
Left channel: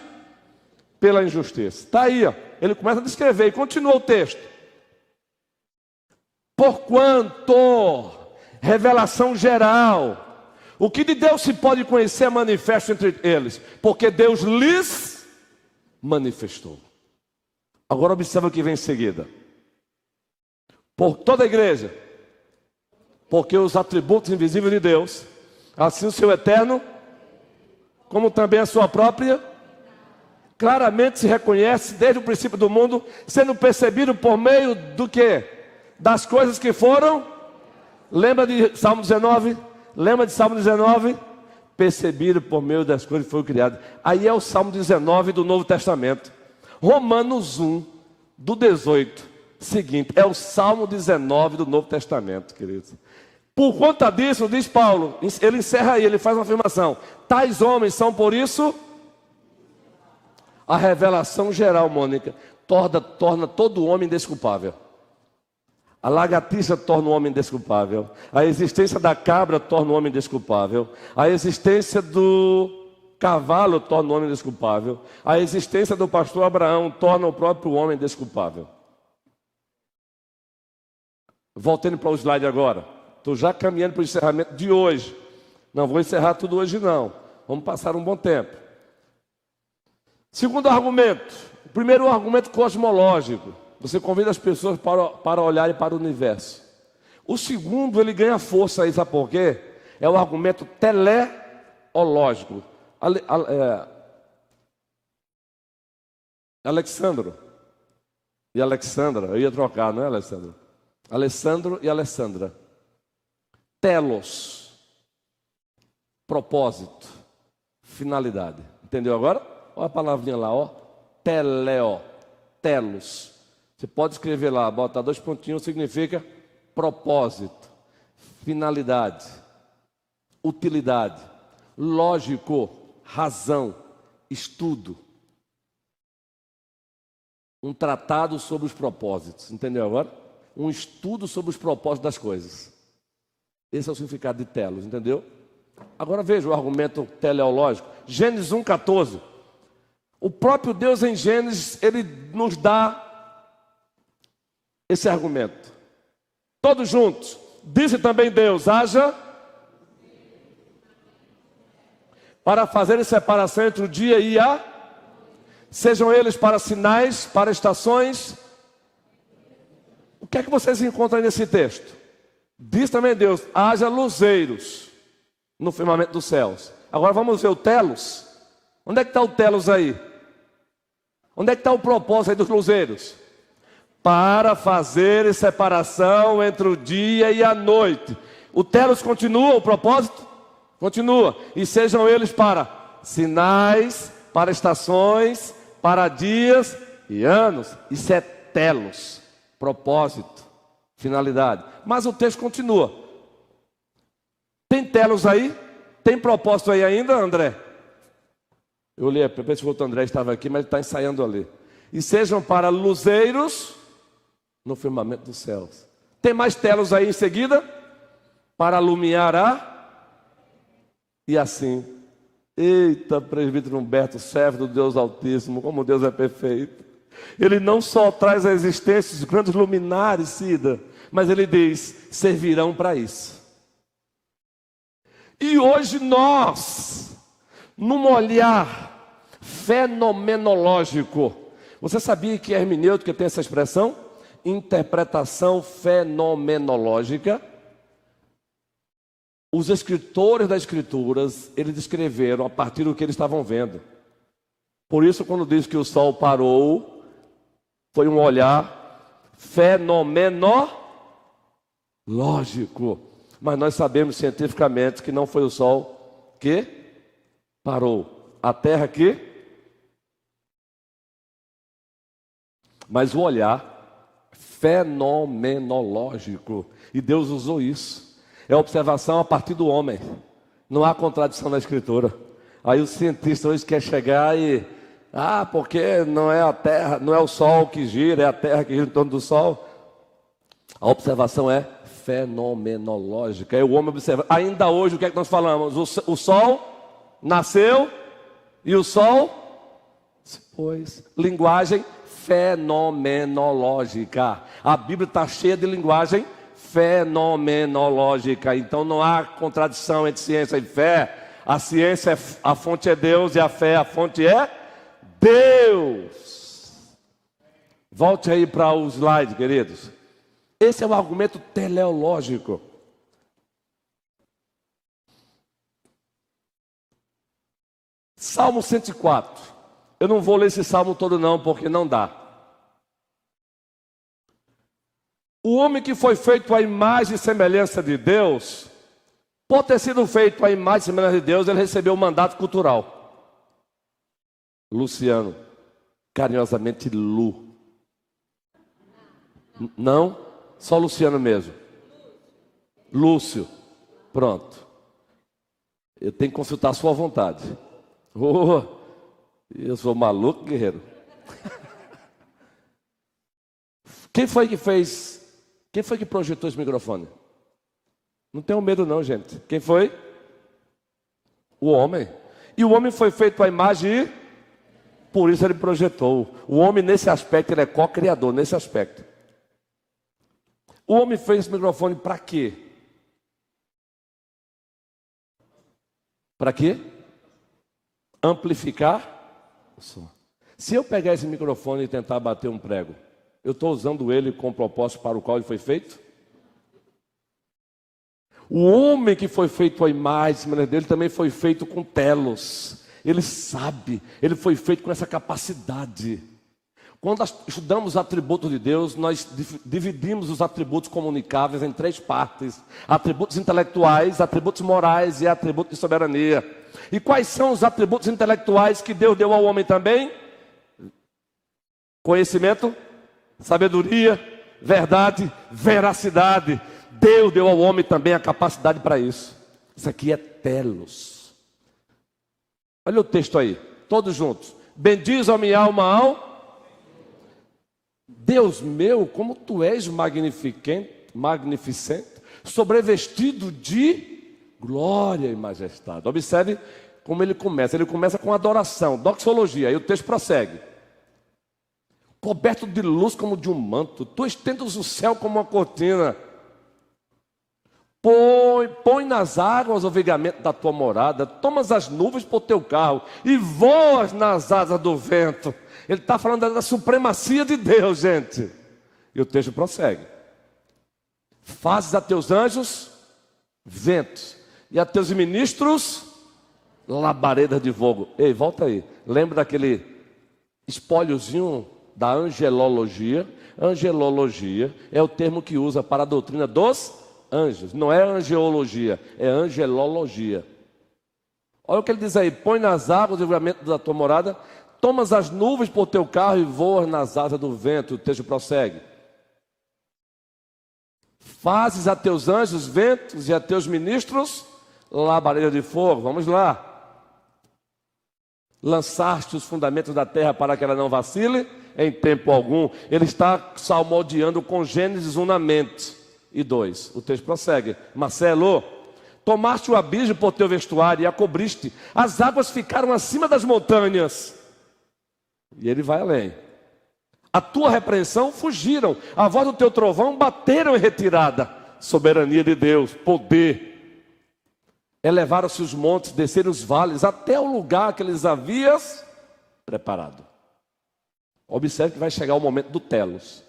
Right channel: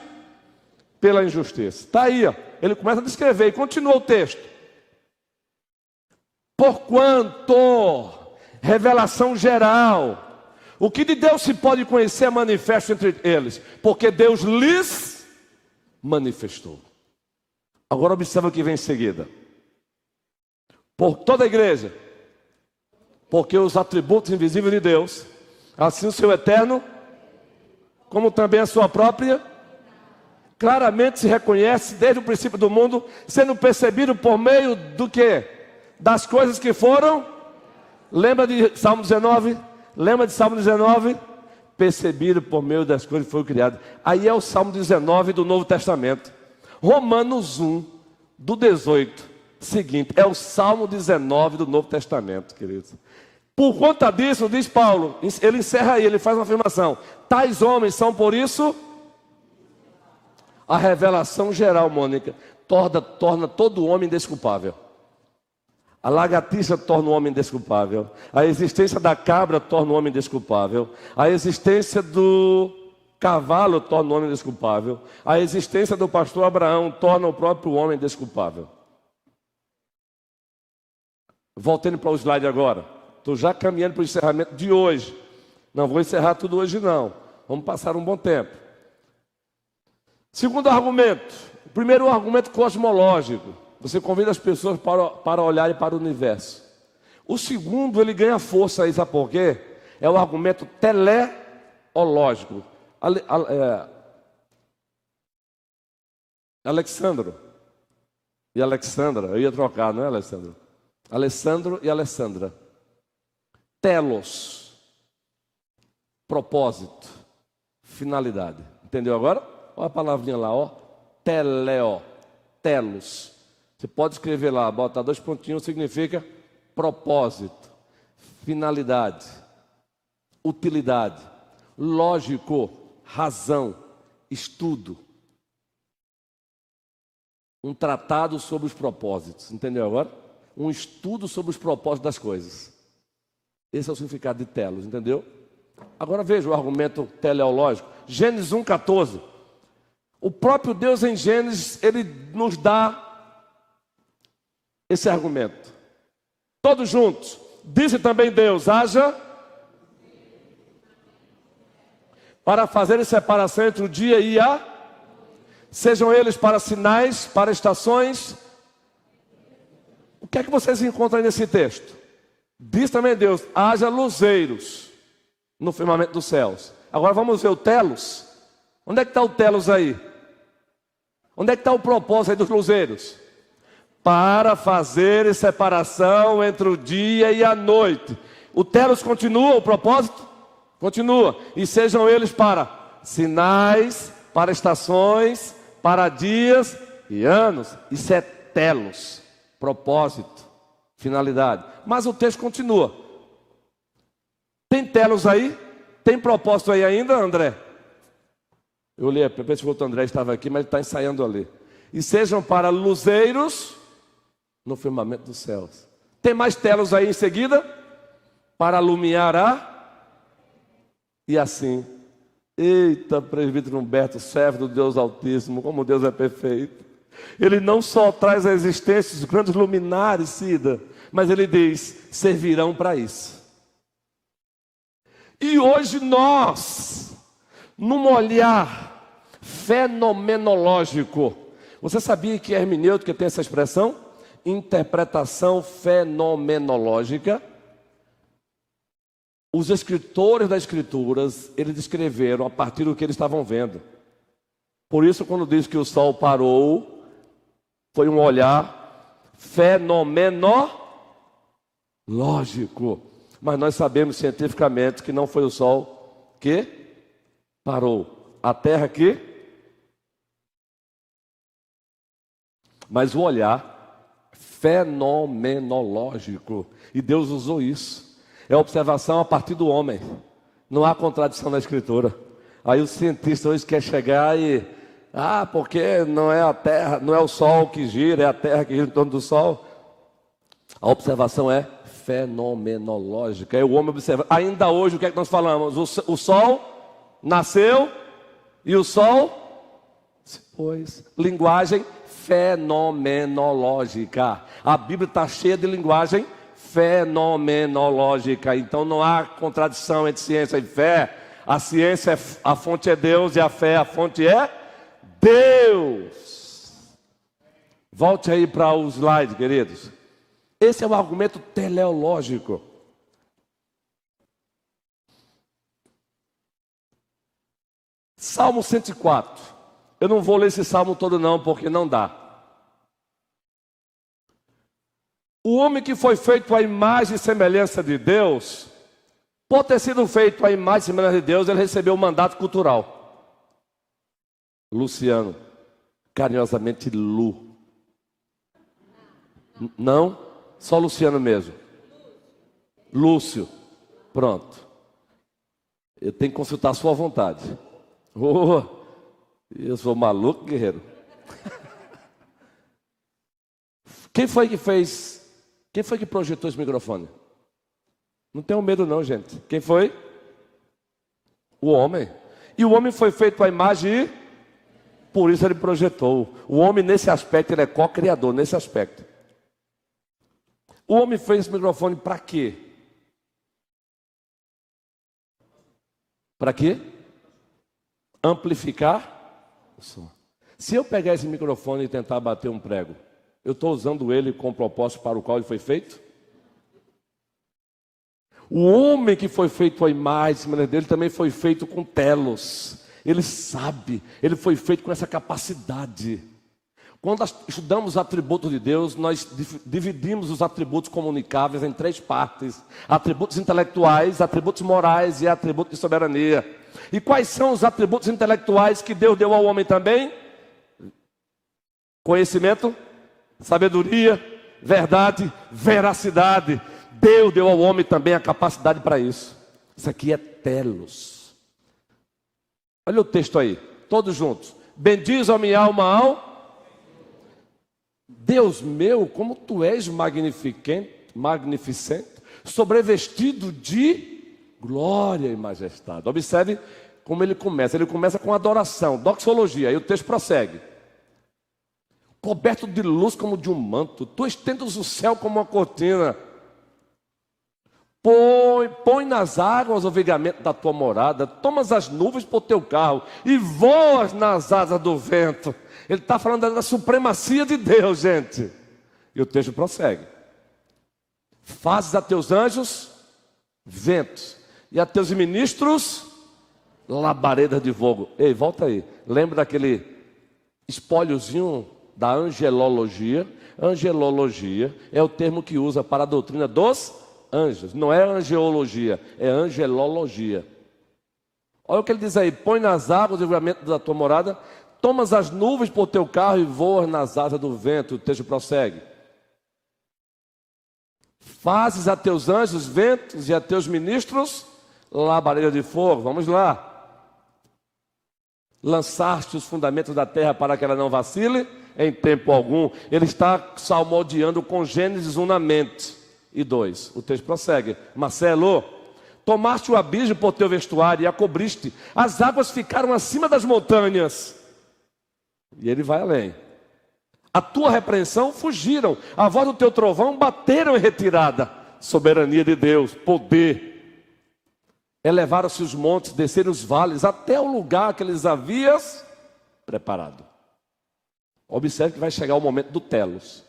pela injustiça. Está aí, ó. Ele começa a descrever e continua o texto. Porquanto, revelação geral, o que de Deus se pode conhecer é manifesto entre eles, porque Deus lhes manifestou. Agora observa o que vem em seguida. Por toda a igreja, porque os atributos invisíveis de Deus, assim o seu eterno, como também a sua própria, claramente se reconhece desde o princípio do mundo, sendo percebido por meio do quê? Das coisas que foram. Lembra de Salmo 19? Lembra de Salmo 19? Percebido por meio das coisas que foram criadas. Aí é o Salmo 19 do Novo Testamento. Romanos 1, do 18, seguinte, é o Salmo 19 do Novo Testamento, queridos. Por conta disso, diz Paulo, ele encerra aí, ele faz uma afirmação. Tais homens são por isso... A revelação geral, Mônica, torna todo homem desculpável. A lagartixa torna o homem desculpável. A existência da cabra torna o homem desculpável. A existência do cavalo torna o homem desculpável. A existência do pastor Abraão torna o próprio homem desculpável. Voltando para o slide agora. Estou já caminhando para o encerramento de hoje. Não vou encerrar tudo hoje não. Vamos passar um bom tempo. Segundo argumento, o primeiro argumento cosmológico, você convida as pessoas para olharem para o universo. O segundo, ele ganha força aí, sabe por quê? É o argumento teleológico. Alexandro e Alexandra, eu ia trocar, não é, Alessandro? Alessandro e Alessandra. Telos, propósito, finalidade. Entendeu agora? Olha a palavrinha lá, ó. Teleo, telos. Você pode escrever lá, botar 2 pontinhos, significa propósito, finalidade, utilidade, lógico, razão, estudo. Um tratado sobre os propósitos, entendeu agora? Um estudo sobre os propósitos das coisas. Esse é o significado de telos, entendeu? Agora veja o argumento teleológico. Gênesis 1,14. O próprio Deus em Gênesis, ele nos dá esse argumento. Todos juntos. Disse também Deus: haja para fazer separação entre o dia e a... Sejam eles para sinais, para estações. O que é que vocês encontram aí nesse texto? Diz também Deus: haja luzeiros no firmamento dos céus. Agora vamos ver o telos. Onde é que está o telos aí? Onde é que está o propósito aí dos luzeiros? Para fazer separação entre o dia e a noite. O telos continua, o propósito? Continua. E sejam eles para sinais, para estações, para dias e anos. Isso é telos, propósito, finalidade. Mas o texto continua. Tem telos aí? Tem propósito aí ainda, André? Eu olhei, pensei que o André estava aqui, mas ele está ensaiando ali. E sejam para luzeiros no firmamento dos céus. Tem mais telos aí em seguida? Para alumiar a... E assim... Eita, presbítero Humberto, servo do Deus Altíssimo, como Deus é perfeito. Ele não só traz a existência de grandes luminares, Cida, mas ele diz: servirão para isso. E hoje nós, num olhar fenomenológico, você sabia que a hermenêutica tem essa expressão? Interpretação fenomenológica. Os escritores das Escrituras, eles escreveram a partir do que eles estavam vendo. Por isso, quando diz que o sol parou, foi um olhar fenomenológico. Mas nós sabemos cientificamente que não foi o sol que parou. A terra que... Mas o olhar fenomenológico. E Deus usou isso. É observação a partir do homem. Não há contradição na Escritura. Aí o cientista hoje quer chegar e... porque não é a terra, não é o sol que gira, é a terra que gira em torno do sol. A observação é fenomenológica. É o homem observa. Ainda hoje, o que é que nós falamos? O sol nasceu e o sol se pôs. Linguagem fenomenológica. A Bíblia está cheia de linguagem fenomenológica. Então não há contradição entre ciência e fé. A ciência, a fonte é Deus, e a fé, a fonte é Deus. Volte aí para o slide, queridos. Esse é o argumento teleológico. Salmo 104. Eu não vou ler esse salmo todo não, porque não dá. O homem que foi feito à imagem e semelhança de Deus, por ter sido feito à imagem e semelhança de Deus, ele recebeu um mandato cultural. Luciano, carinhosamente Lu. Não? Só Luciano mesmo. Lúcio. Pronto. Eu tenho que consultar a sua vontade. Eu sou maluco, guerreiro. Quem foi que fez? Quem foi que projetou esse microfone? Não tenham medo não, gente. Quem foi? O homem. E o homem foi feito à imagem e por isso ele projetou. O homem nesse aspecto, ele é co-criador nesse aspecto. O homem fez esse microfone para quê? Para quê? Amplificar o som. Se eu pegar esse microfone e tentar bater um prego, eu estou usando ele com o propósito para o qual ele foi feito? O homem que foi feito à imagem dele também foi feito com telos. Ele sabe, ele foi feito com essa capacidade. Quando nós estudamos os atributos de Deus, nós dividimos os atributos comunicáveis em 3 partes: atributos intelectuais, atributos morais e atributos de soberania. E quais são os atributos intelectuais que Deus deu ao homem também? Conhecimento, sabedoria, verdade, veracidade. Deus deu ao homem também a capacidade para isso. Isso aqui é telos. Olha o texto aí, todos juntos. Bendiz a minha alma ao Deus meu, como tu és magnificente, sobrevestido de glória e majestade. Observe como ele começa. Ele começa com adoração, doxologia. Aí o texto prossegue. coberto de luz como de um manto. Tu estendes o céu como uma cortina. Põe nas águas o vigamento da tua morada, tomas as nuvens por teu carro e voas nas asas do vento. Ele está falando da supremacia de Deus, gente. E o texto prossegue. Fazes a teus anjos ventos e a teus ministros labaredas de fogo. Ei, volta aí. Lembra daquele espóliozinho da angelologia? Angelologia é o termo que usa para a doutrina dos anjos. Não é angeologia, é angelologia. Olha o que ele diz aí. Põe nas águas o livramento da tua morada, tomas as nuvens por teu carro e voas nas asas do vento. O texto prossegue. Fazes a teus anjos ventos e a teus ministros labaredas de fogo. Vamos lá. Lançaste os fundamentos da terra para que ela não vacile em tempo algum. Ele está salmodiando com Gênesis 1 na mente. E 2, o texto prossegue. Marcelo, tomaste o abismo por teu vestuário e a cobriste. As águas ficaram acima das montanhas. E ele vai além. A tua repreensão fugiram. A voz do teu trovão bateram em retirada. Soberania de Deus, poder. Elevaram-se os montes, desceram os vales, até o lugar que eles havias preparado. Observe que vai chegar o momento do telos.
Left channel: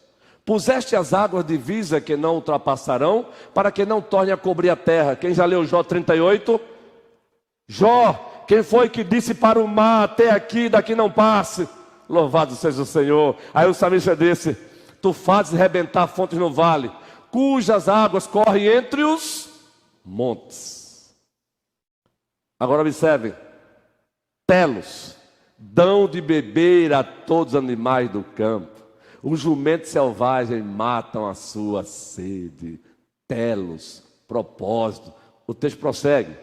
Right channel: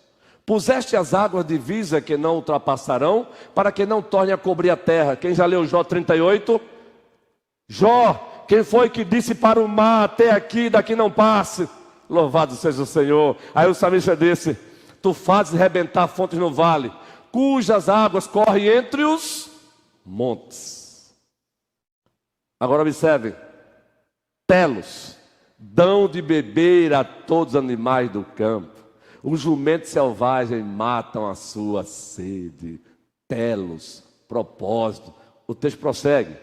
Puseste as águas divisa que não ultrapassarão, para que não torne a cobrir a terra. Quem já leu Jó 38? Jó, quem foi que disse para o mar, até aqui, daqui não passe? Louvado seja o Senhor. Aí o salmista disse, tu fazes rebentar fontes no vale, cujas águas correm entre os montes. Agora observe, telos, dão de beber a todos os animais do campo. Os jumentos selvagens matam a sua sede. Telos, propósito. O texto prossegue.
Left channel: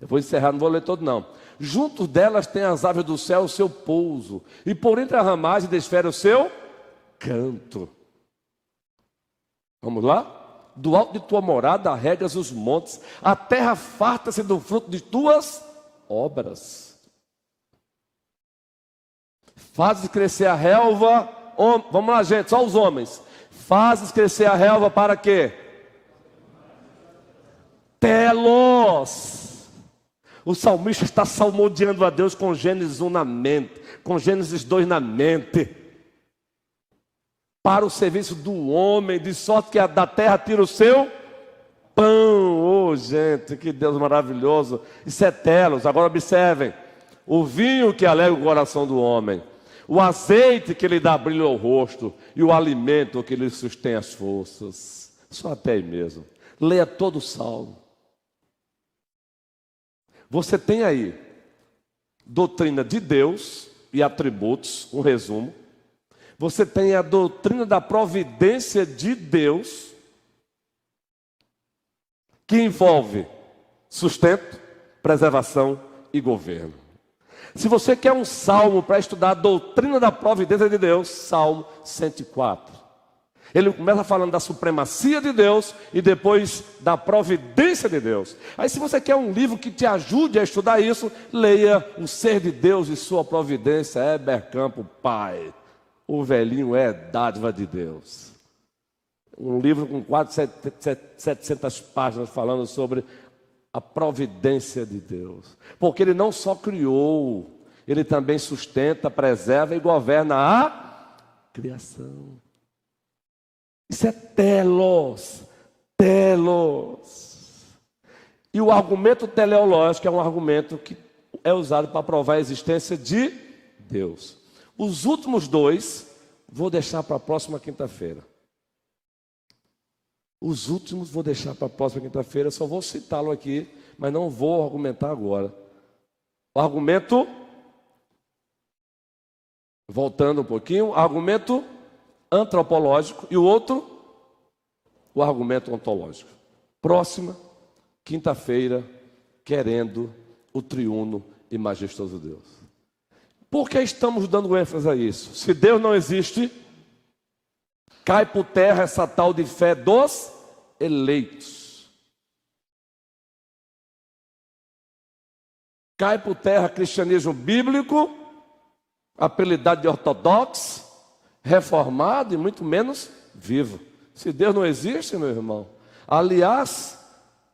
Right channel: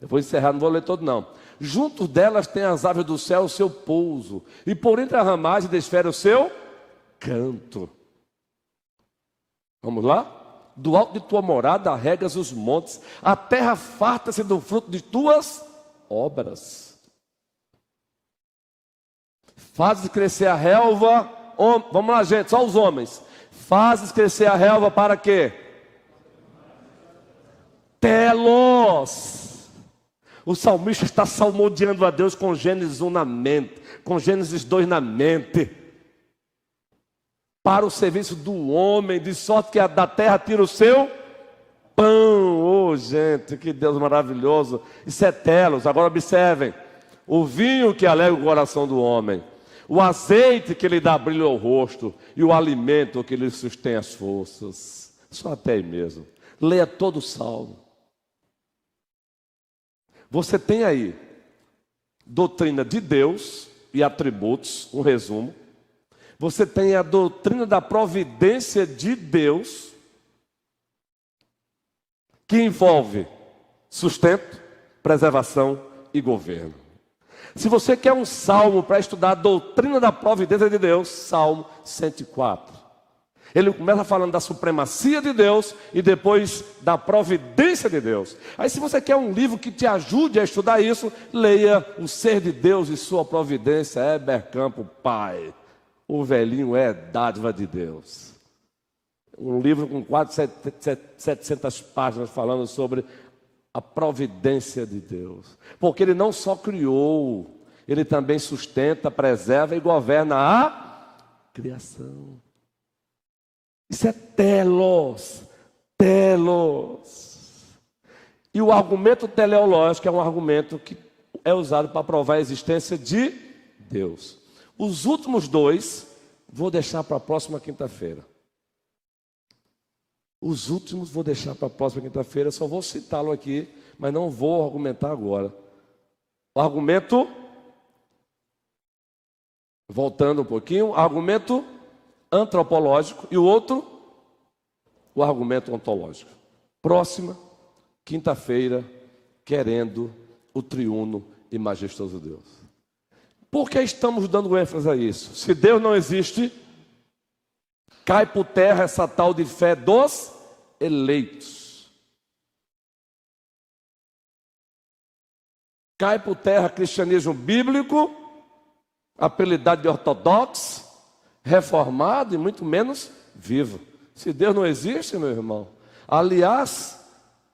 Eu vou encerrar, não vou ler todo não. Junto delas tem as aves do céu o seu pouso, e por entre as ramagens desfere o seu canto. Vamos lá? Do alto de tua morada regas os montes, a terra farta-se do fruto de tuas obras. Fazes crescer a relva, vamos lá gente, só os homens. Fazes crescer a relva para quê? Telos. O salmista está salmodiando a Deus com Gênesis 1 na mente, com Gênesis 2 na mente. Para o serviço do homem, de sorte que da terra tira o seu pão. Oh, gente, que Deus maravilhoso. Isso é telos. Agora observem. O vinho que alegra o coração do homem. O azeite que lhe dá brilho ao rosto. E o alimento que lhe sustém as forças. Só até aí mesmo. Leia todo o salmo. Você tem aí doutrina de Deus e atributos, um resumo. Você tem a doutrina da providência de Deus, que envolve sustento, preservação e governo. Se você quer um salmo para estudar a doutrina da providência de Deus, Salmo 104. Ele começa falando da supremacia de Deus e depois da providência de Deus. Aí se você quer um livro que te ajude a estudar isso, leia O Ser de Deus e Sua Providência, Heber Campo, pai. O velhinho é dádiva de Deus. Um livro com quase 700 páginas falando sobre a providência de Deus. Porque Ele não só criou, Ele também sustenta, preserva e governa a criação. Isso é telos. E o argumento teleológico é um argumento que é usado para provar a existência de Deus. Os últimos dois, vou deixar para a próxima quinta-feira. Os últimos vou deixar para a próxima quinta-feira, só vou citá-lo aqui, mas não vou argumentar agora. O argumento, voltando um pouquinho, argumento antropológico e o outro, o argumento ontológico. Próxima quinta-feira, querendo o triuno e majestoso Deus. Por que estamos dando ênfase a isso? Se Deus não existe, cai por terra essa tal de fé dos eleitos. Cai por terra cristianismo bíblico, apelidado de ortodoxo, reformado e muito menos vivo. Se Deus não existe, meu irmão. Aliás,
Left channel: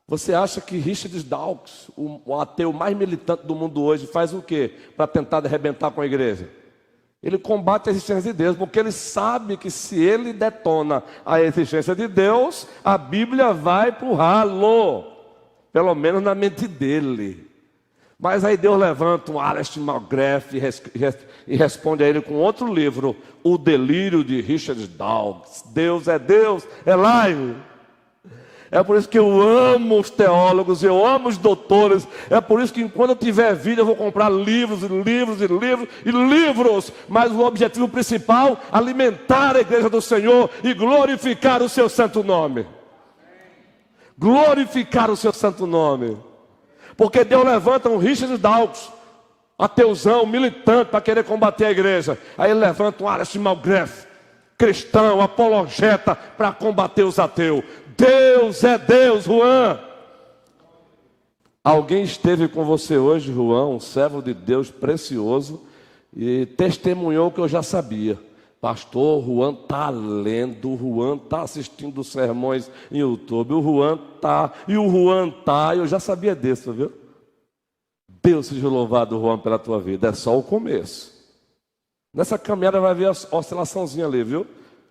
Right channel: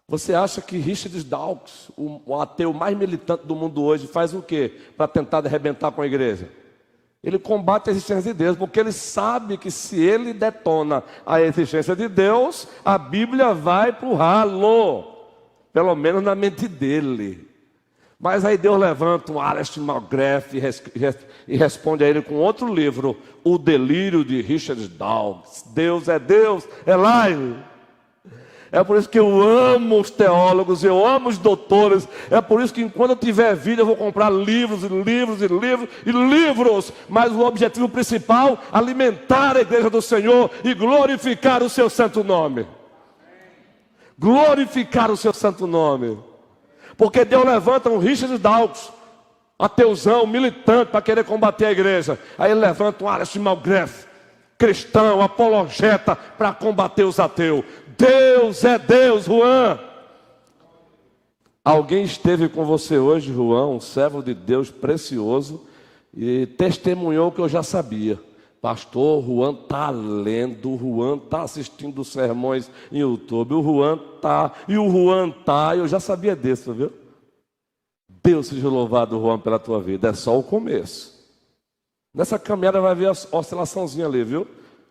você acha que Richard Dawkins, o ateu mais militante do mundo hoje, faz o quê para tentar arrebentar com a igreja? Ele combate a existência de Deus, porque ele sabe que se ele detona a existência de Deus, a Bíblia vai pro ralo, pelo menos na mente dele. Mas aí Deus levanta um Alistair McGrath e responde a ele com outro livro, O Delírio de Richard Dawkins. Deus, é live. É por isso que eu amo os teólogos, eu amo os doutores. É por isso que enquanto eu tiver vida eu vou comprar livros e livros e livros e livros. Mas o objetivo principal, alimentar a igreja do Senhor e glorificar o seu santo nome. Glorificar o seu santo nome. Porque Deus levanta um Richard Dawkins, ateuzão, militante, para querer combater a igreja. Aí ele levanta um Alistair McGrath, cristão, apologeta, para combater os ateus. Deus é Deus, Juan. Alguém esteve com você hoje, Juan, um servo de Deus precioso, e testemunhou o que eu já sabia. Pastor, o Juan está lendo, o Juan está assistindo sermões em YouTube, o Juan está, eu já sabia disso, viu? Deus seja louvado, Juan, pela tua vida, é só o começo. Nessa caminhada vai haver a oscilaçãozinha ali, viu?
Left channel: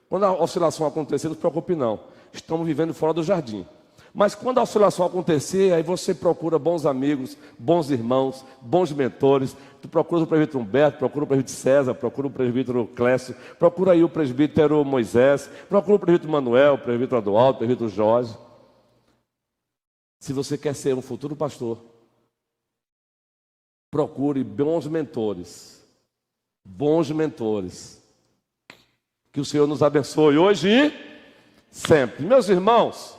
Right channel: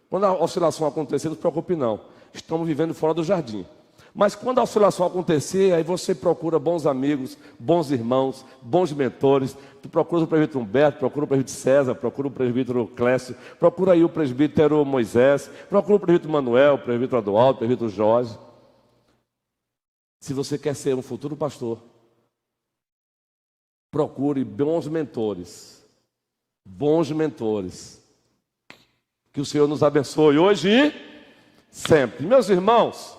Quando a oscilação acontecer, não se preocupe não. Estamos vivendo fora do jardim. Mas quando a oscilação acontecer, aí você procura bons amigos, bons irmãos, bons mentores. Tu procura o presbítero Humberto, procura o presbítero César, procura o presbítero Clécio, procura aí o presbítero Moisés, procura o presbítero Manuel, o presbítero Adualdo, o presbítero Jorge. Se você quer ser um futuro pastor, procure bons mentores. Bons mentores. Que o Senhor nos abençoe hoje e sempre. Meus irmãos,